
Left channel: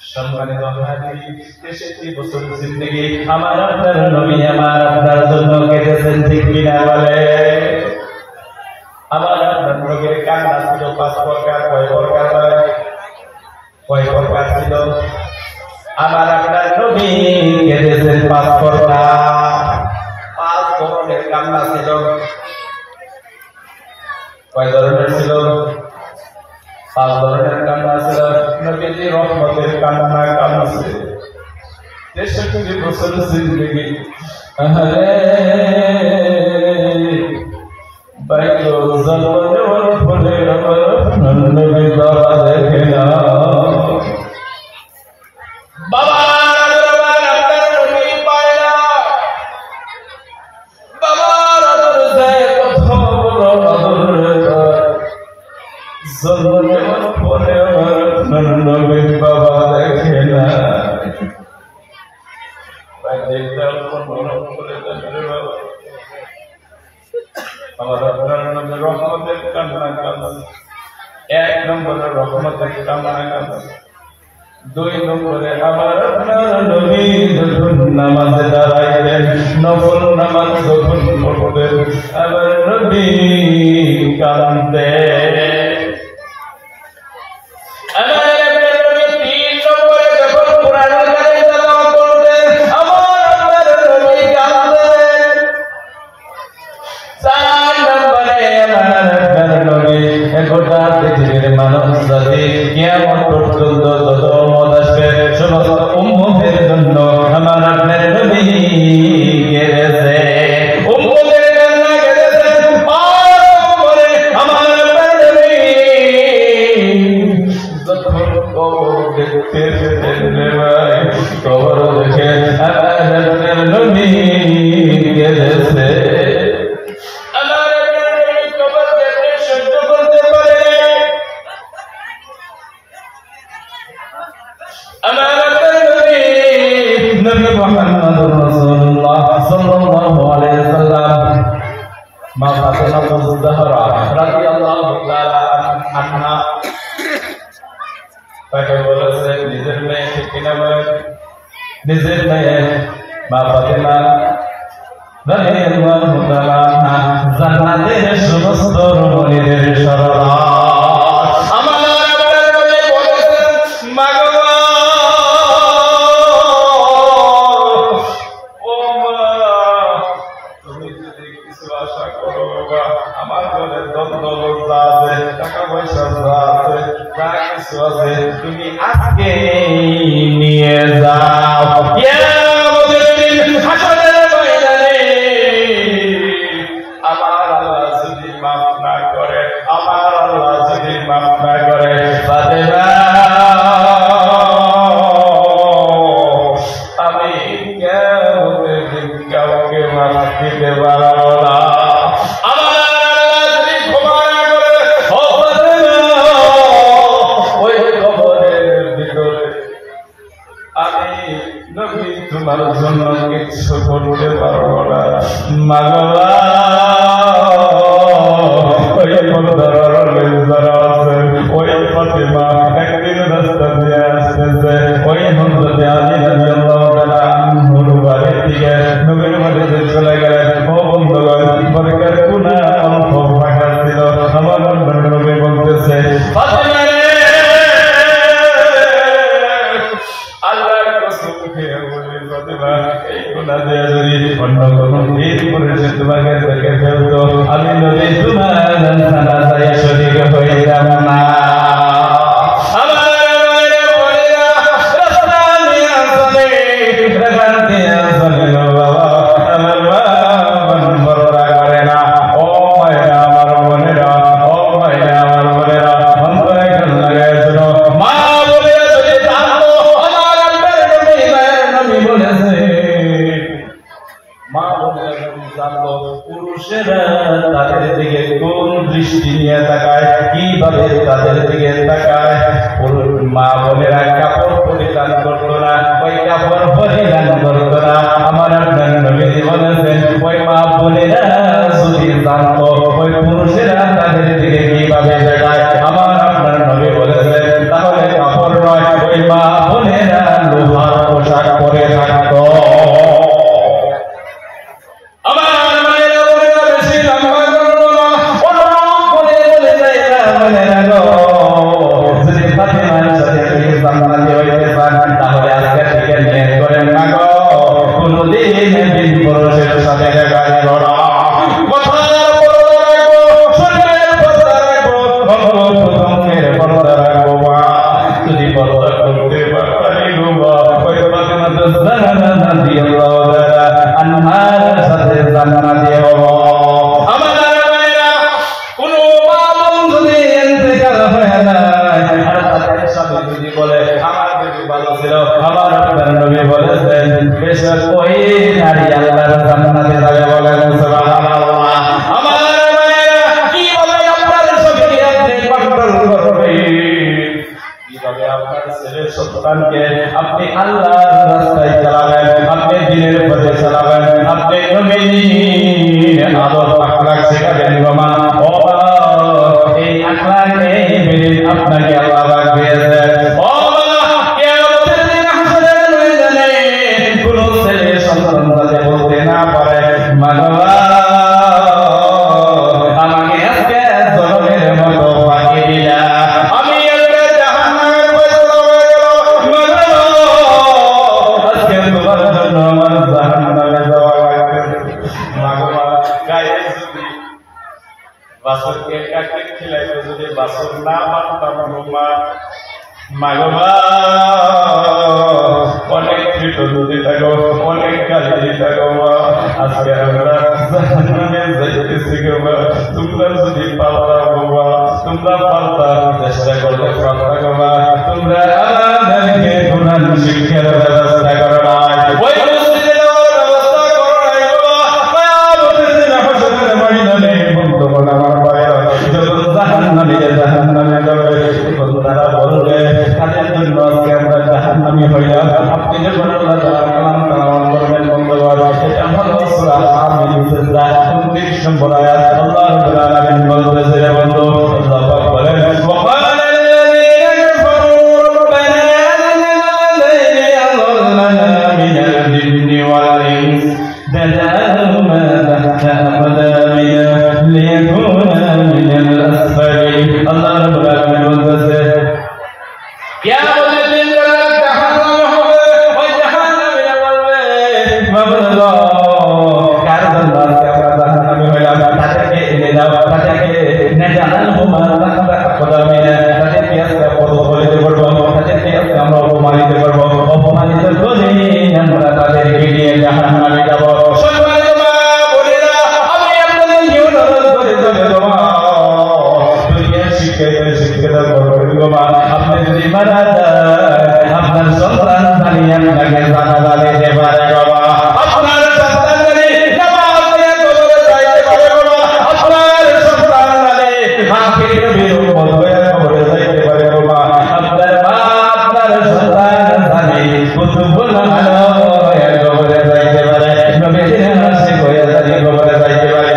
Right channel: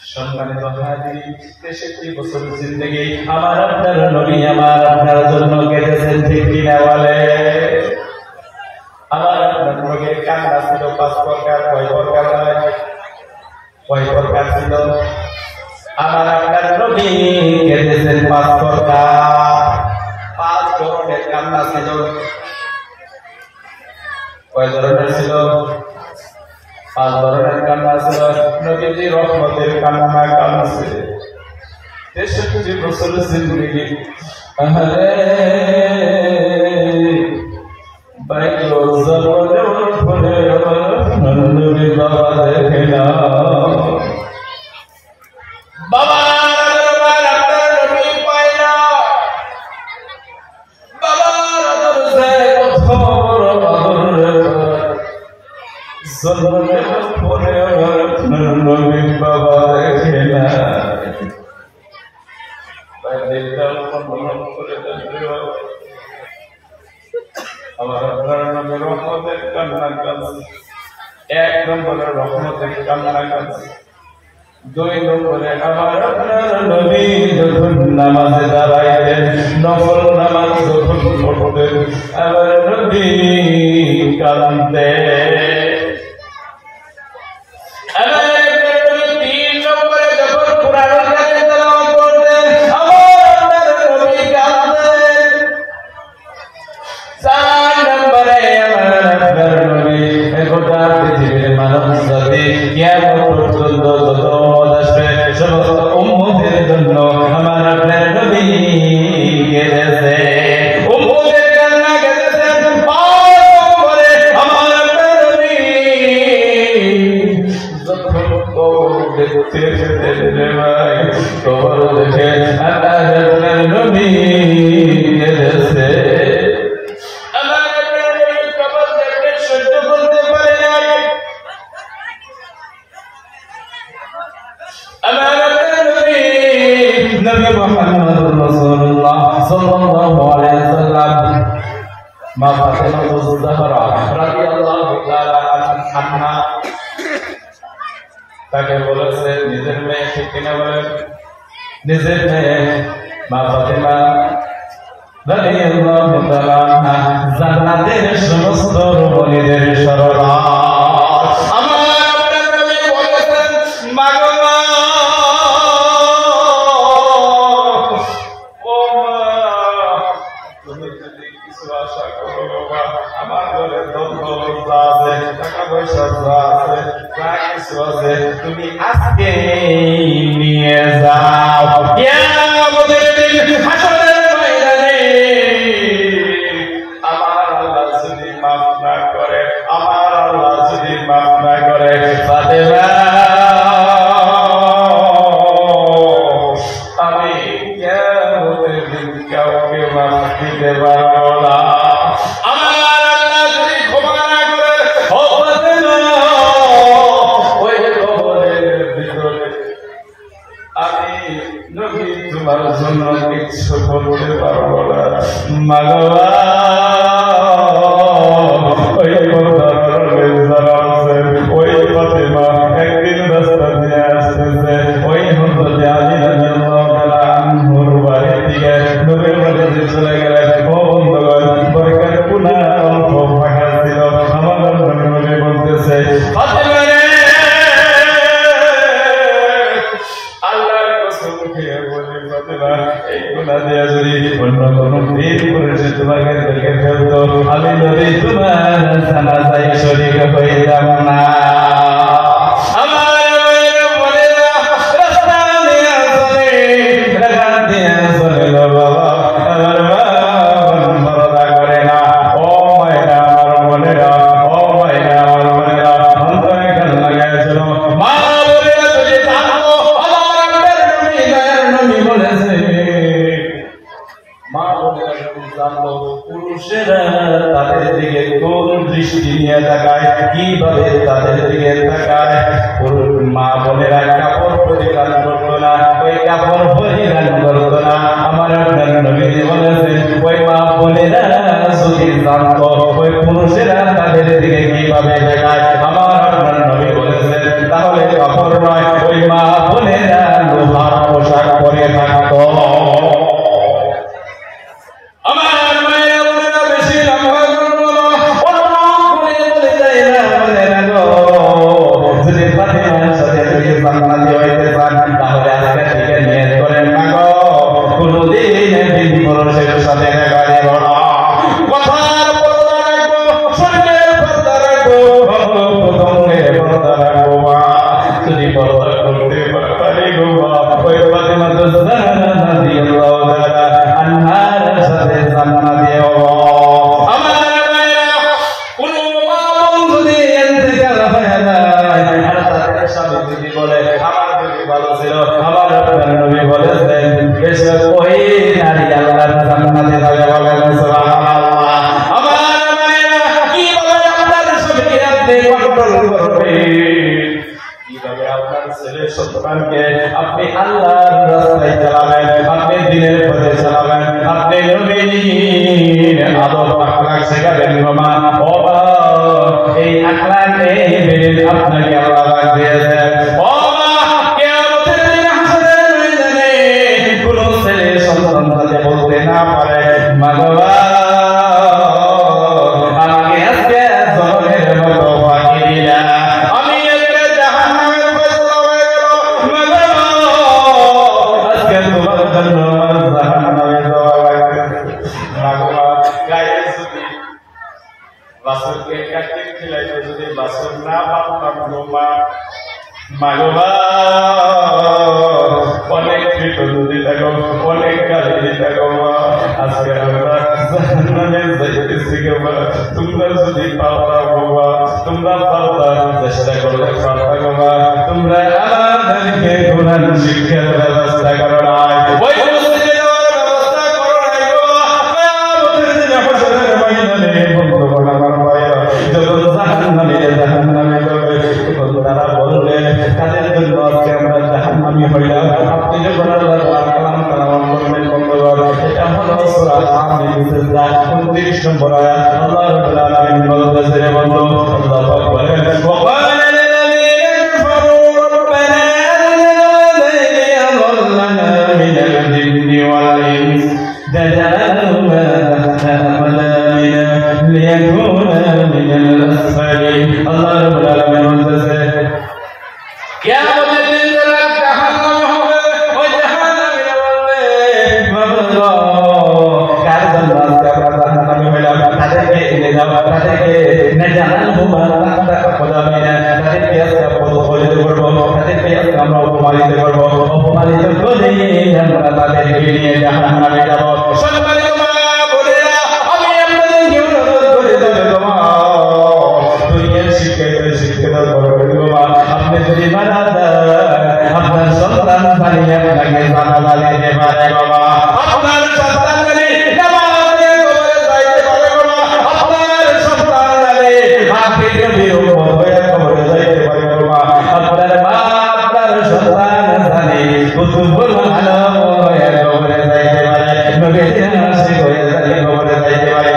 সম্মানিত হাজির 63 বছর জিন্দেগি আমার আপনার নবী আমার আপনার জন্য কেঁদেছেন ঠিক কিনা বলে আমার আপনার নবীর কান্না ছিল 5 প্রকার কয় প্রকার ছিল আমার আপনার নবী কেঁদেছেন 5 প্রকার 5 ধরনের কান্না ছিল কয় ধরনের ছিল 5 ধরনের কান্না ছিল নবীজি রহমতের কান্না কাঁদছে 63 বছর জিন্দেগি বাইকো জমানে ফলে আমার নবী বাবা দেখে না বাবা আমার আপনার নামে রহমতের কান্না কাঁদছে। 1 নম্বরে রহমতের কান্না কাঁদছে। 2 নম্বরে আমার আপনার নবী যখন নামাজে দাঁড়াইতেন, নফল নামাজ যখন পড়তেন, আমার নবী কাঁদতেন। গোটা পৃথিবীর মানুষ জাতি কিয়ামত পর্যন্ত যত উম্মত আসবে সমস্ত উম্মতের জন্য আমার আপনার নবী গেছে। উম্মতের কান্না গেছেন আমার আপনার নবী যখন কবর দেখতে যেতেন ভাই, কবর দেখে আমার আপনার নবী গেছে। নবী মুহাম্মদুর রাসূলুল্লাহ সাল্লাল্লাহু আলাইহি ওয়াসাল্লাম মা ফাতিমাতুজ জাহরা রাদিয়াল্লাহু তাআলা আনহা তাকে বলেছে নিজের মেয়ে, ঠিক কিনা বলেন? নিজের মেয়ে মা ফাতিমা রাদিয়াল্লাহু তাআলা আনহা জান্নাতের সমস্ত রমণীদের সরদার। তুমি আজকে নিয়ে যাও, কিয়ামতের দিন হাসরের ময়দানে আমার আল্লাহ যদি মাফ না করে, আমার আল্লাহ যদি মাফ না করে, ফাতেমা আমি কিয়ামতের দিন কাউকে মাফ দিতে পারবো না। তোমার জন্য কিছু করতে পারবো না মাগবা। ওই ফাতিমা একদিন রাস্তা দিয়ে আসতেছে, ওই হযরত আলী রাদিয়াল্লাহু তাআলা আনহুর বাড়ি থেকে নবীর মসজিদে চলে গেলেন। ও বন্ধুগণ, বরকার কোনা অল্প ফাঁকা ছিল। আমার নবী বলতেছে, ফাতিমা রে, আল্লাহর কসম খেয়ে বলি ফাতিমা, এই গুনাহ দিয়ে যদি অন্য কোনো দিন করেছে তোমাকে দেখে ফেলতো, আমি নবী তোমার জানাজায় শরীক হইতাম না। পুরুষেরা তাদের দিকে কোন দৃষ্টি নিয়ে তাকায়, কিভাবে তাদের দিকে তাকায়। মা বোনেরা কাপড় পরিধান করতো না, ওই কাপড় পরিধান করতো না। আমার আপনার নবীজি বলেছেন, ওই মা বোনেরা যদি জানতো ওই পুরুষেরা তাদের দিকে কিভাবে তাকায়, আমার আপনার নবী বলেছেন, তাহলে কাপড় নয়, ওই মা বোনেরা লোহার পোশাক পরে থাকতো। আপনি আল্লাহর রাস্তায় চালাবেন, আপনি দিনের রাসূল না মানতাম গো মা মাগবা অনেক পিটন দিতে গো অনেক গালি দিতে গো আজকে আমরা জাহান্নামে যাইতেছি গো মা তোমরা যদি পারতা গো মা তোমরা পারতা চেষ্টা করলে পারতা গো মা তোমরা আমাদেরকে কোরআন শিক্ষার ব্যবস্থা করো না ওই মসজিদে যাওয়ার ব্যবস্থা করো না গো মা কিয়ামতের দিন হাসরের ময়দানে বলতো আমার ভাইরা যখন জাহান্নামে যাবে তখন তারা বলবে কাদের জন্য আজকে আমরা জাহান্নামী হইলাম আপনি যখন আল্লাহ তাআলা কালাম করবেন বন্ধুগণ এটা হলো সূরা আমিন সিজদা 29 নম্বর আয়াত আল্লাহ রাব্বুল আলামিন বলতেছে বন্ধু আল্লাহ পাক বলেন وقال الذين كفروا ربنا أرنا الذين أضلنا من الجن والإنس فجعلهما تحت أقدامنا ليكونا من الأسفلين الله رب العالمين বলতেছে কিয়ামতের দিন যারা জাহান্নামে হবে ওই জাহান্নামে বলবে কার জন্য আজকে আমরা জাহান্নামে হইলাম তাদেরকে এনে দাও তাদেরকে নাজালহুমা তাহতা আকদামিনা তাদেরকে আজকে অপমানিত করবো তাদেরকে আজকে আমরা অপমানিত করবো অপমানিত করে আমরা তাদেরকে নিয়ে জাহান্নামে যাব সম্মানিত মা বোনেরা আমি আপনাদেরকে অনুরোধ করে দেব দুনিয়া শিক্ষা করবেন গো মা আপনি যদি মারা যান আপনার সন্তান বাড়িয়ে আপনাকে জানালা দিতে পারে গো মা আপনার সন্তান বাড়ি নামাজ পড়ে কবরে যাইতে পারে গো মা আপনার সন্তান বাড়ি মাকে নবীর উম্মত হয়ে কবরে যাইতে পারে গো মা আপনার মা আপনার সন্তান জানে কুতুবুল আলম হয়ে কবরে যাইতে পারে নবীর আশিক হয়ে জানে কবরে যাইতে পারে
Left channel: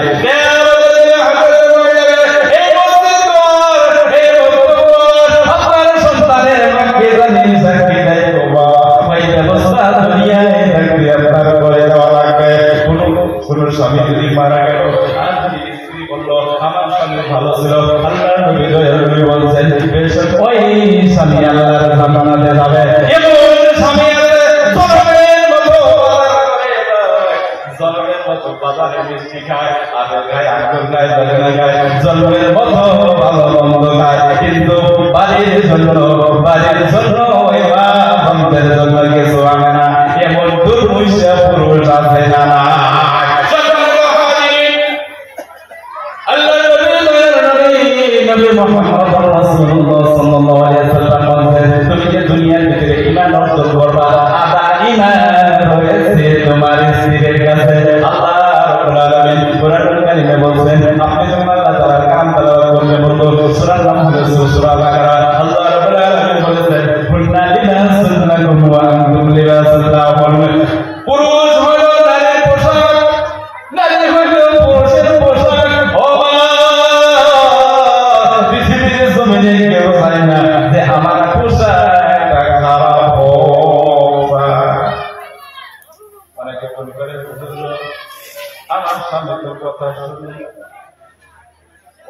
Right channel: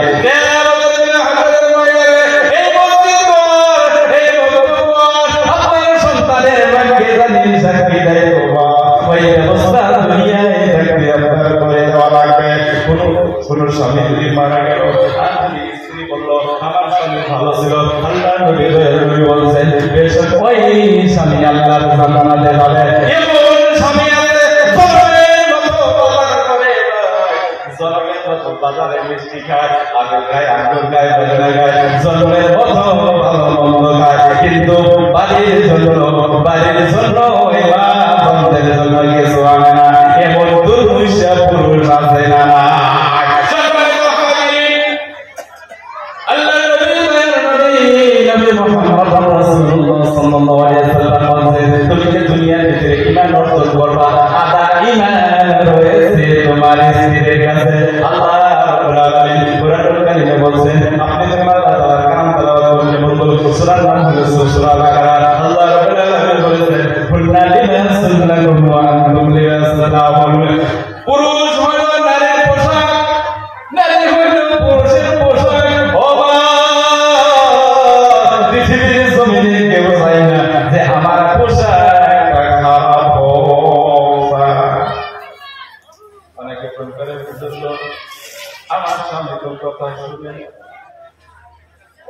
স্বামী যদি মারা গেল আর যদি স্ত্রী বললো আমার স্বামী ভালো ছিল আল্লাহর নবী নবী বলছেন বেশক ওই স্বামী আল্লাহর জান্নাতে যাবে এমন স্বামী আছে জলমের মতো বাজার করে জলমের মতো বাজারে মিষ্টি খায় আগুন খায় আগুন খায় বেদনা খায় জলমের মতো ভালো মন্দ খায় কিন্তু বাড়ির জন্য ওই মা বন্ধের জন্য কিছু আনে না এমন দুর্মুষা পুরুষ আছে না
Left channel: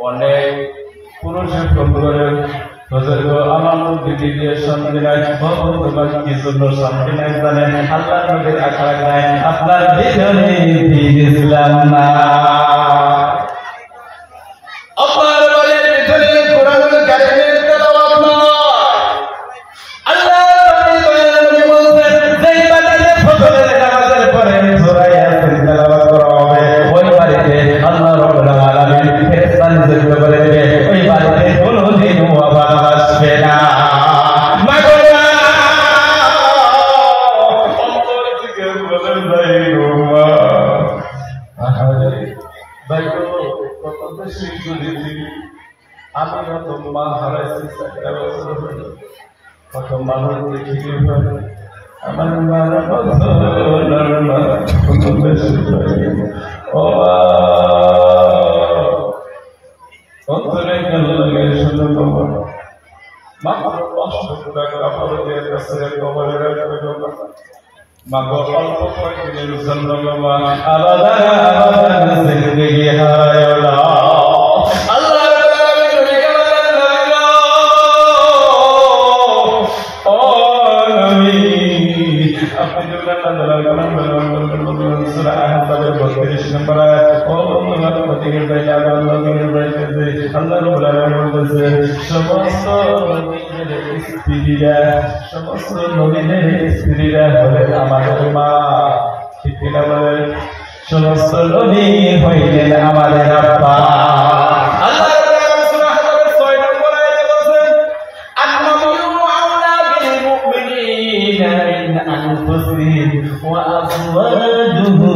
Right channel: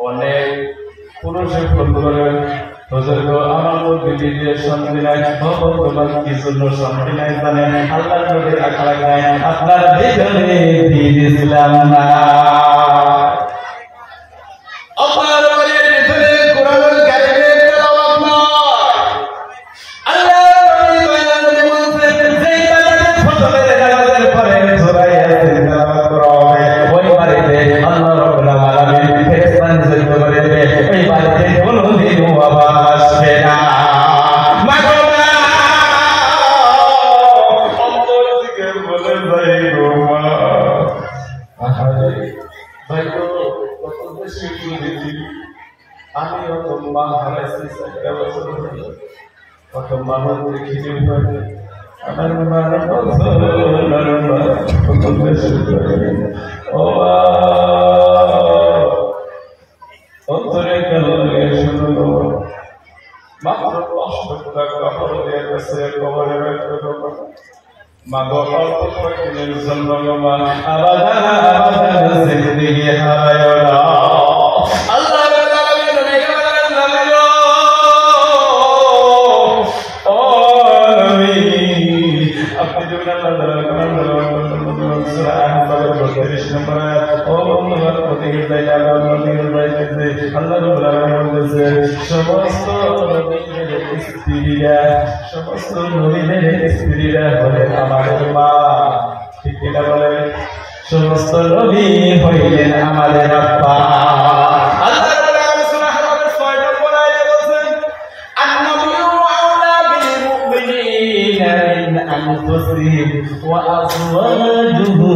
অনেক পুরুষে ফোন করে আমার তো বিবিদের শান্তি নাই তোমার কি জন্য শান্তি নাই জানেন আল্লাহ নবীর আখড়া নাই আপনার ভিতরে দিন ইসলাম না আপনার বাড়ির ভিতরে কোরআনুল কারীমের তেলাওয়াত নাই আল্লাহ নবী বলেন যেই বাড়িতে ফজরের নামাজের পরে সূরা ইয়াসিন তেলাওয়াত করা হবে ওই বাড়িতে আল্লাহ রাব্বুল আলামিন ফেরেশতা নিযুক্ত করে দেবে ওই বাড়িতে কোনোদিন অভাব আসবে না মাগোরা অন্তর থেকে বলে যাই গো মা আহারে ভাই কত বেশি বুঝেছি আমি অত মা হারাইছি কত মানুষ দেখিনি আমার মার কত বেশি ও অন্তরে গেল লাগে শুনলো মাত্র 500 টাকা কাপড় দিয়ে কাছে কবরে রাখতে হবে মাগো অল্প কয়েকদিনের জন্য মা আবাদান জিন্দেগি হারায় না আল্লাহ রাব্বুল আলামিন নবীকে বললেন নবী ও নবী আপনি যখন সূরা আহজাবের 32 নম্বর আয়াত ও বন্ধুগণ প্রতিদিন বেলা প্রতিদিন বাইতেছে আল্লাহ রাব্বুল আলামিন বলেছে সমস্ত নবীদের স্ত্রীরা সমস্ত নবীদের স্ত্রীরা হলেন আমাদের মা ঠিক কিনা বলে সমস্ত নবী হইলেন আমাদের আব্বা আল্লাহ রাব্বুল আলামিন সূরা আহজাবের 6 নম্বর আয়াতে বলেছেন আন-নবিয়্যু আওলা বিল মুমিনিনা মিন আনফুসিহিম ওয়া আজওয়াজুহু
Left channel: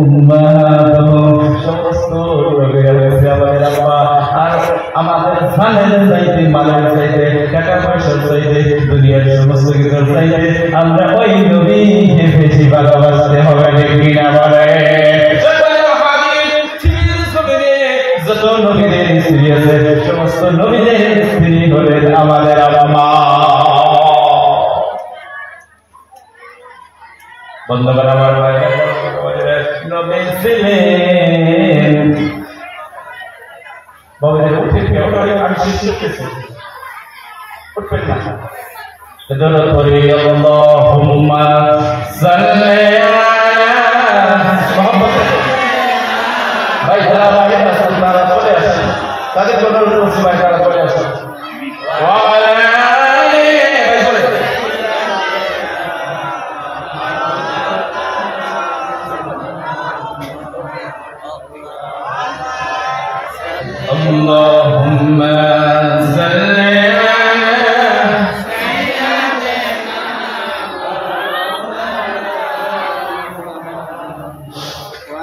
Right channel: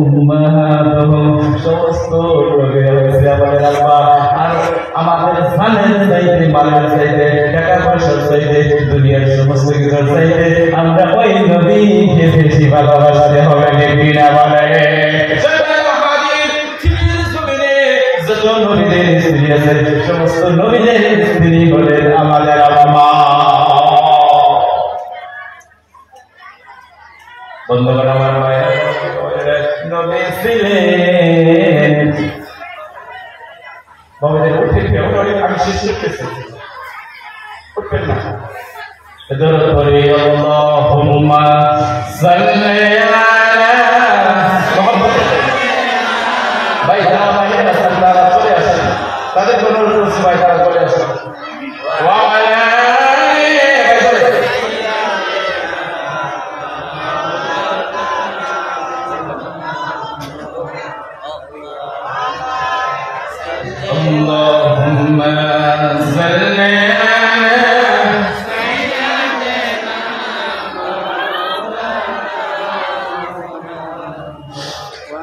উম্মাহাতুহুম সমস্ত নবী হইছে আমাদের আব্বা আর আমাদের জানের চাইতে মালের চাইতে টাকা পয়সার চাইতে দুনিয়ার সমস্ত কিছুর চাইতে আমরা ওই নবীকে বেশি ভালোবাসতে হবে কিনা বলে যত নবীদের স্ত্রী আছে সমস্ত নবীদের স্ত্রী হলেন আমাদের আম্মা বন্ধুগণ আমার ভাই নবী ছিলেন বাবাদের উঠে আমি শেষ করতেছি উঠবেন না দরুদ পড়ি আল্লাহুম্মা সাল্লি আলা মুহাম্মদ ভাই যারা বাইরে আছেন তারা চলে আসেন তাদের জন্য অনুরোধ করছি ভাই তারা চলে আসেন ওয়া আলা اللهم صل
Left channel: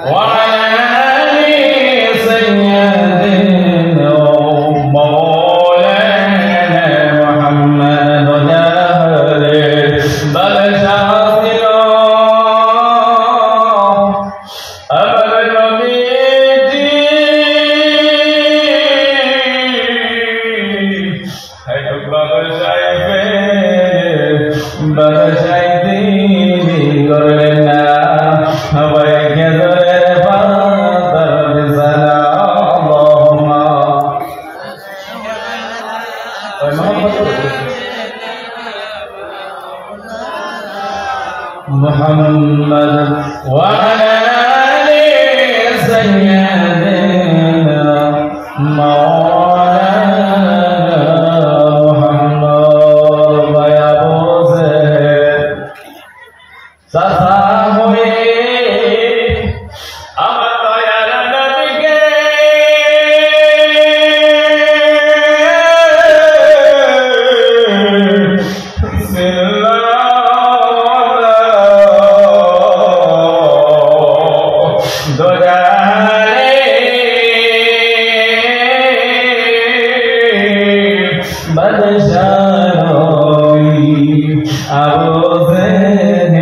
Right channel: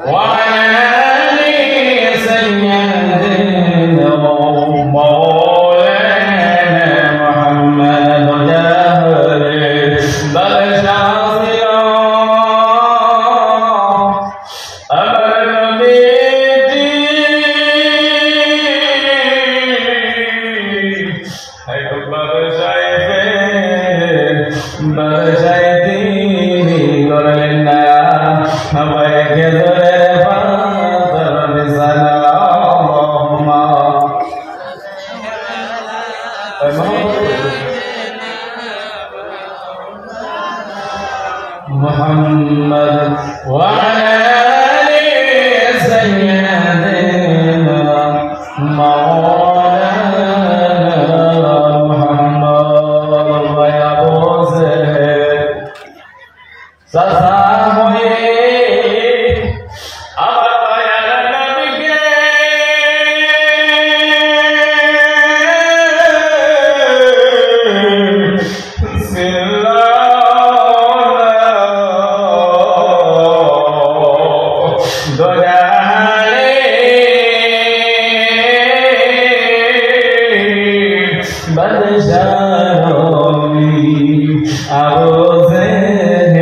وعلى آل سيدنا ومولانا محمد محمد وعلى آل سيدنا مولانا محمد ويا بوزه سسامه I was in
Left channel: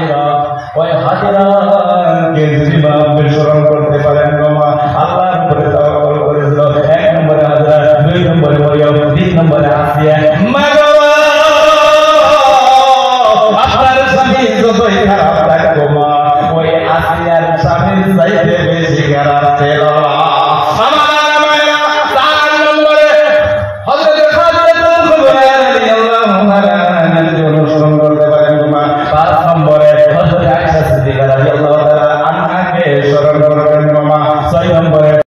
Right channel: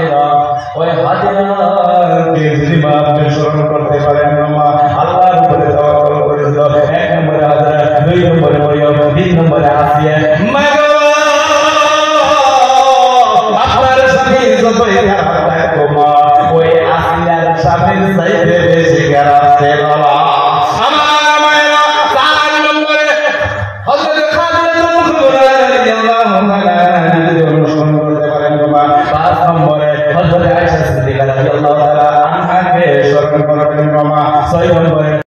হাজিরা, ওই হাজিরাকে যদি আপনি স্মরণ করতে পারেন,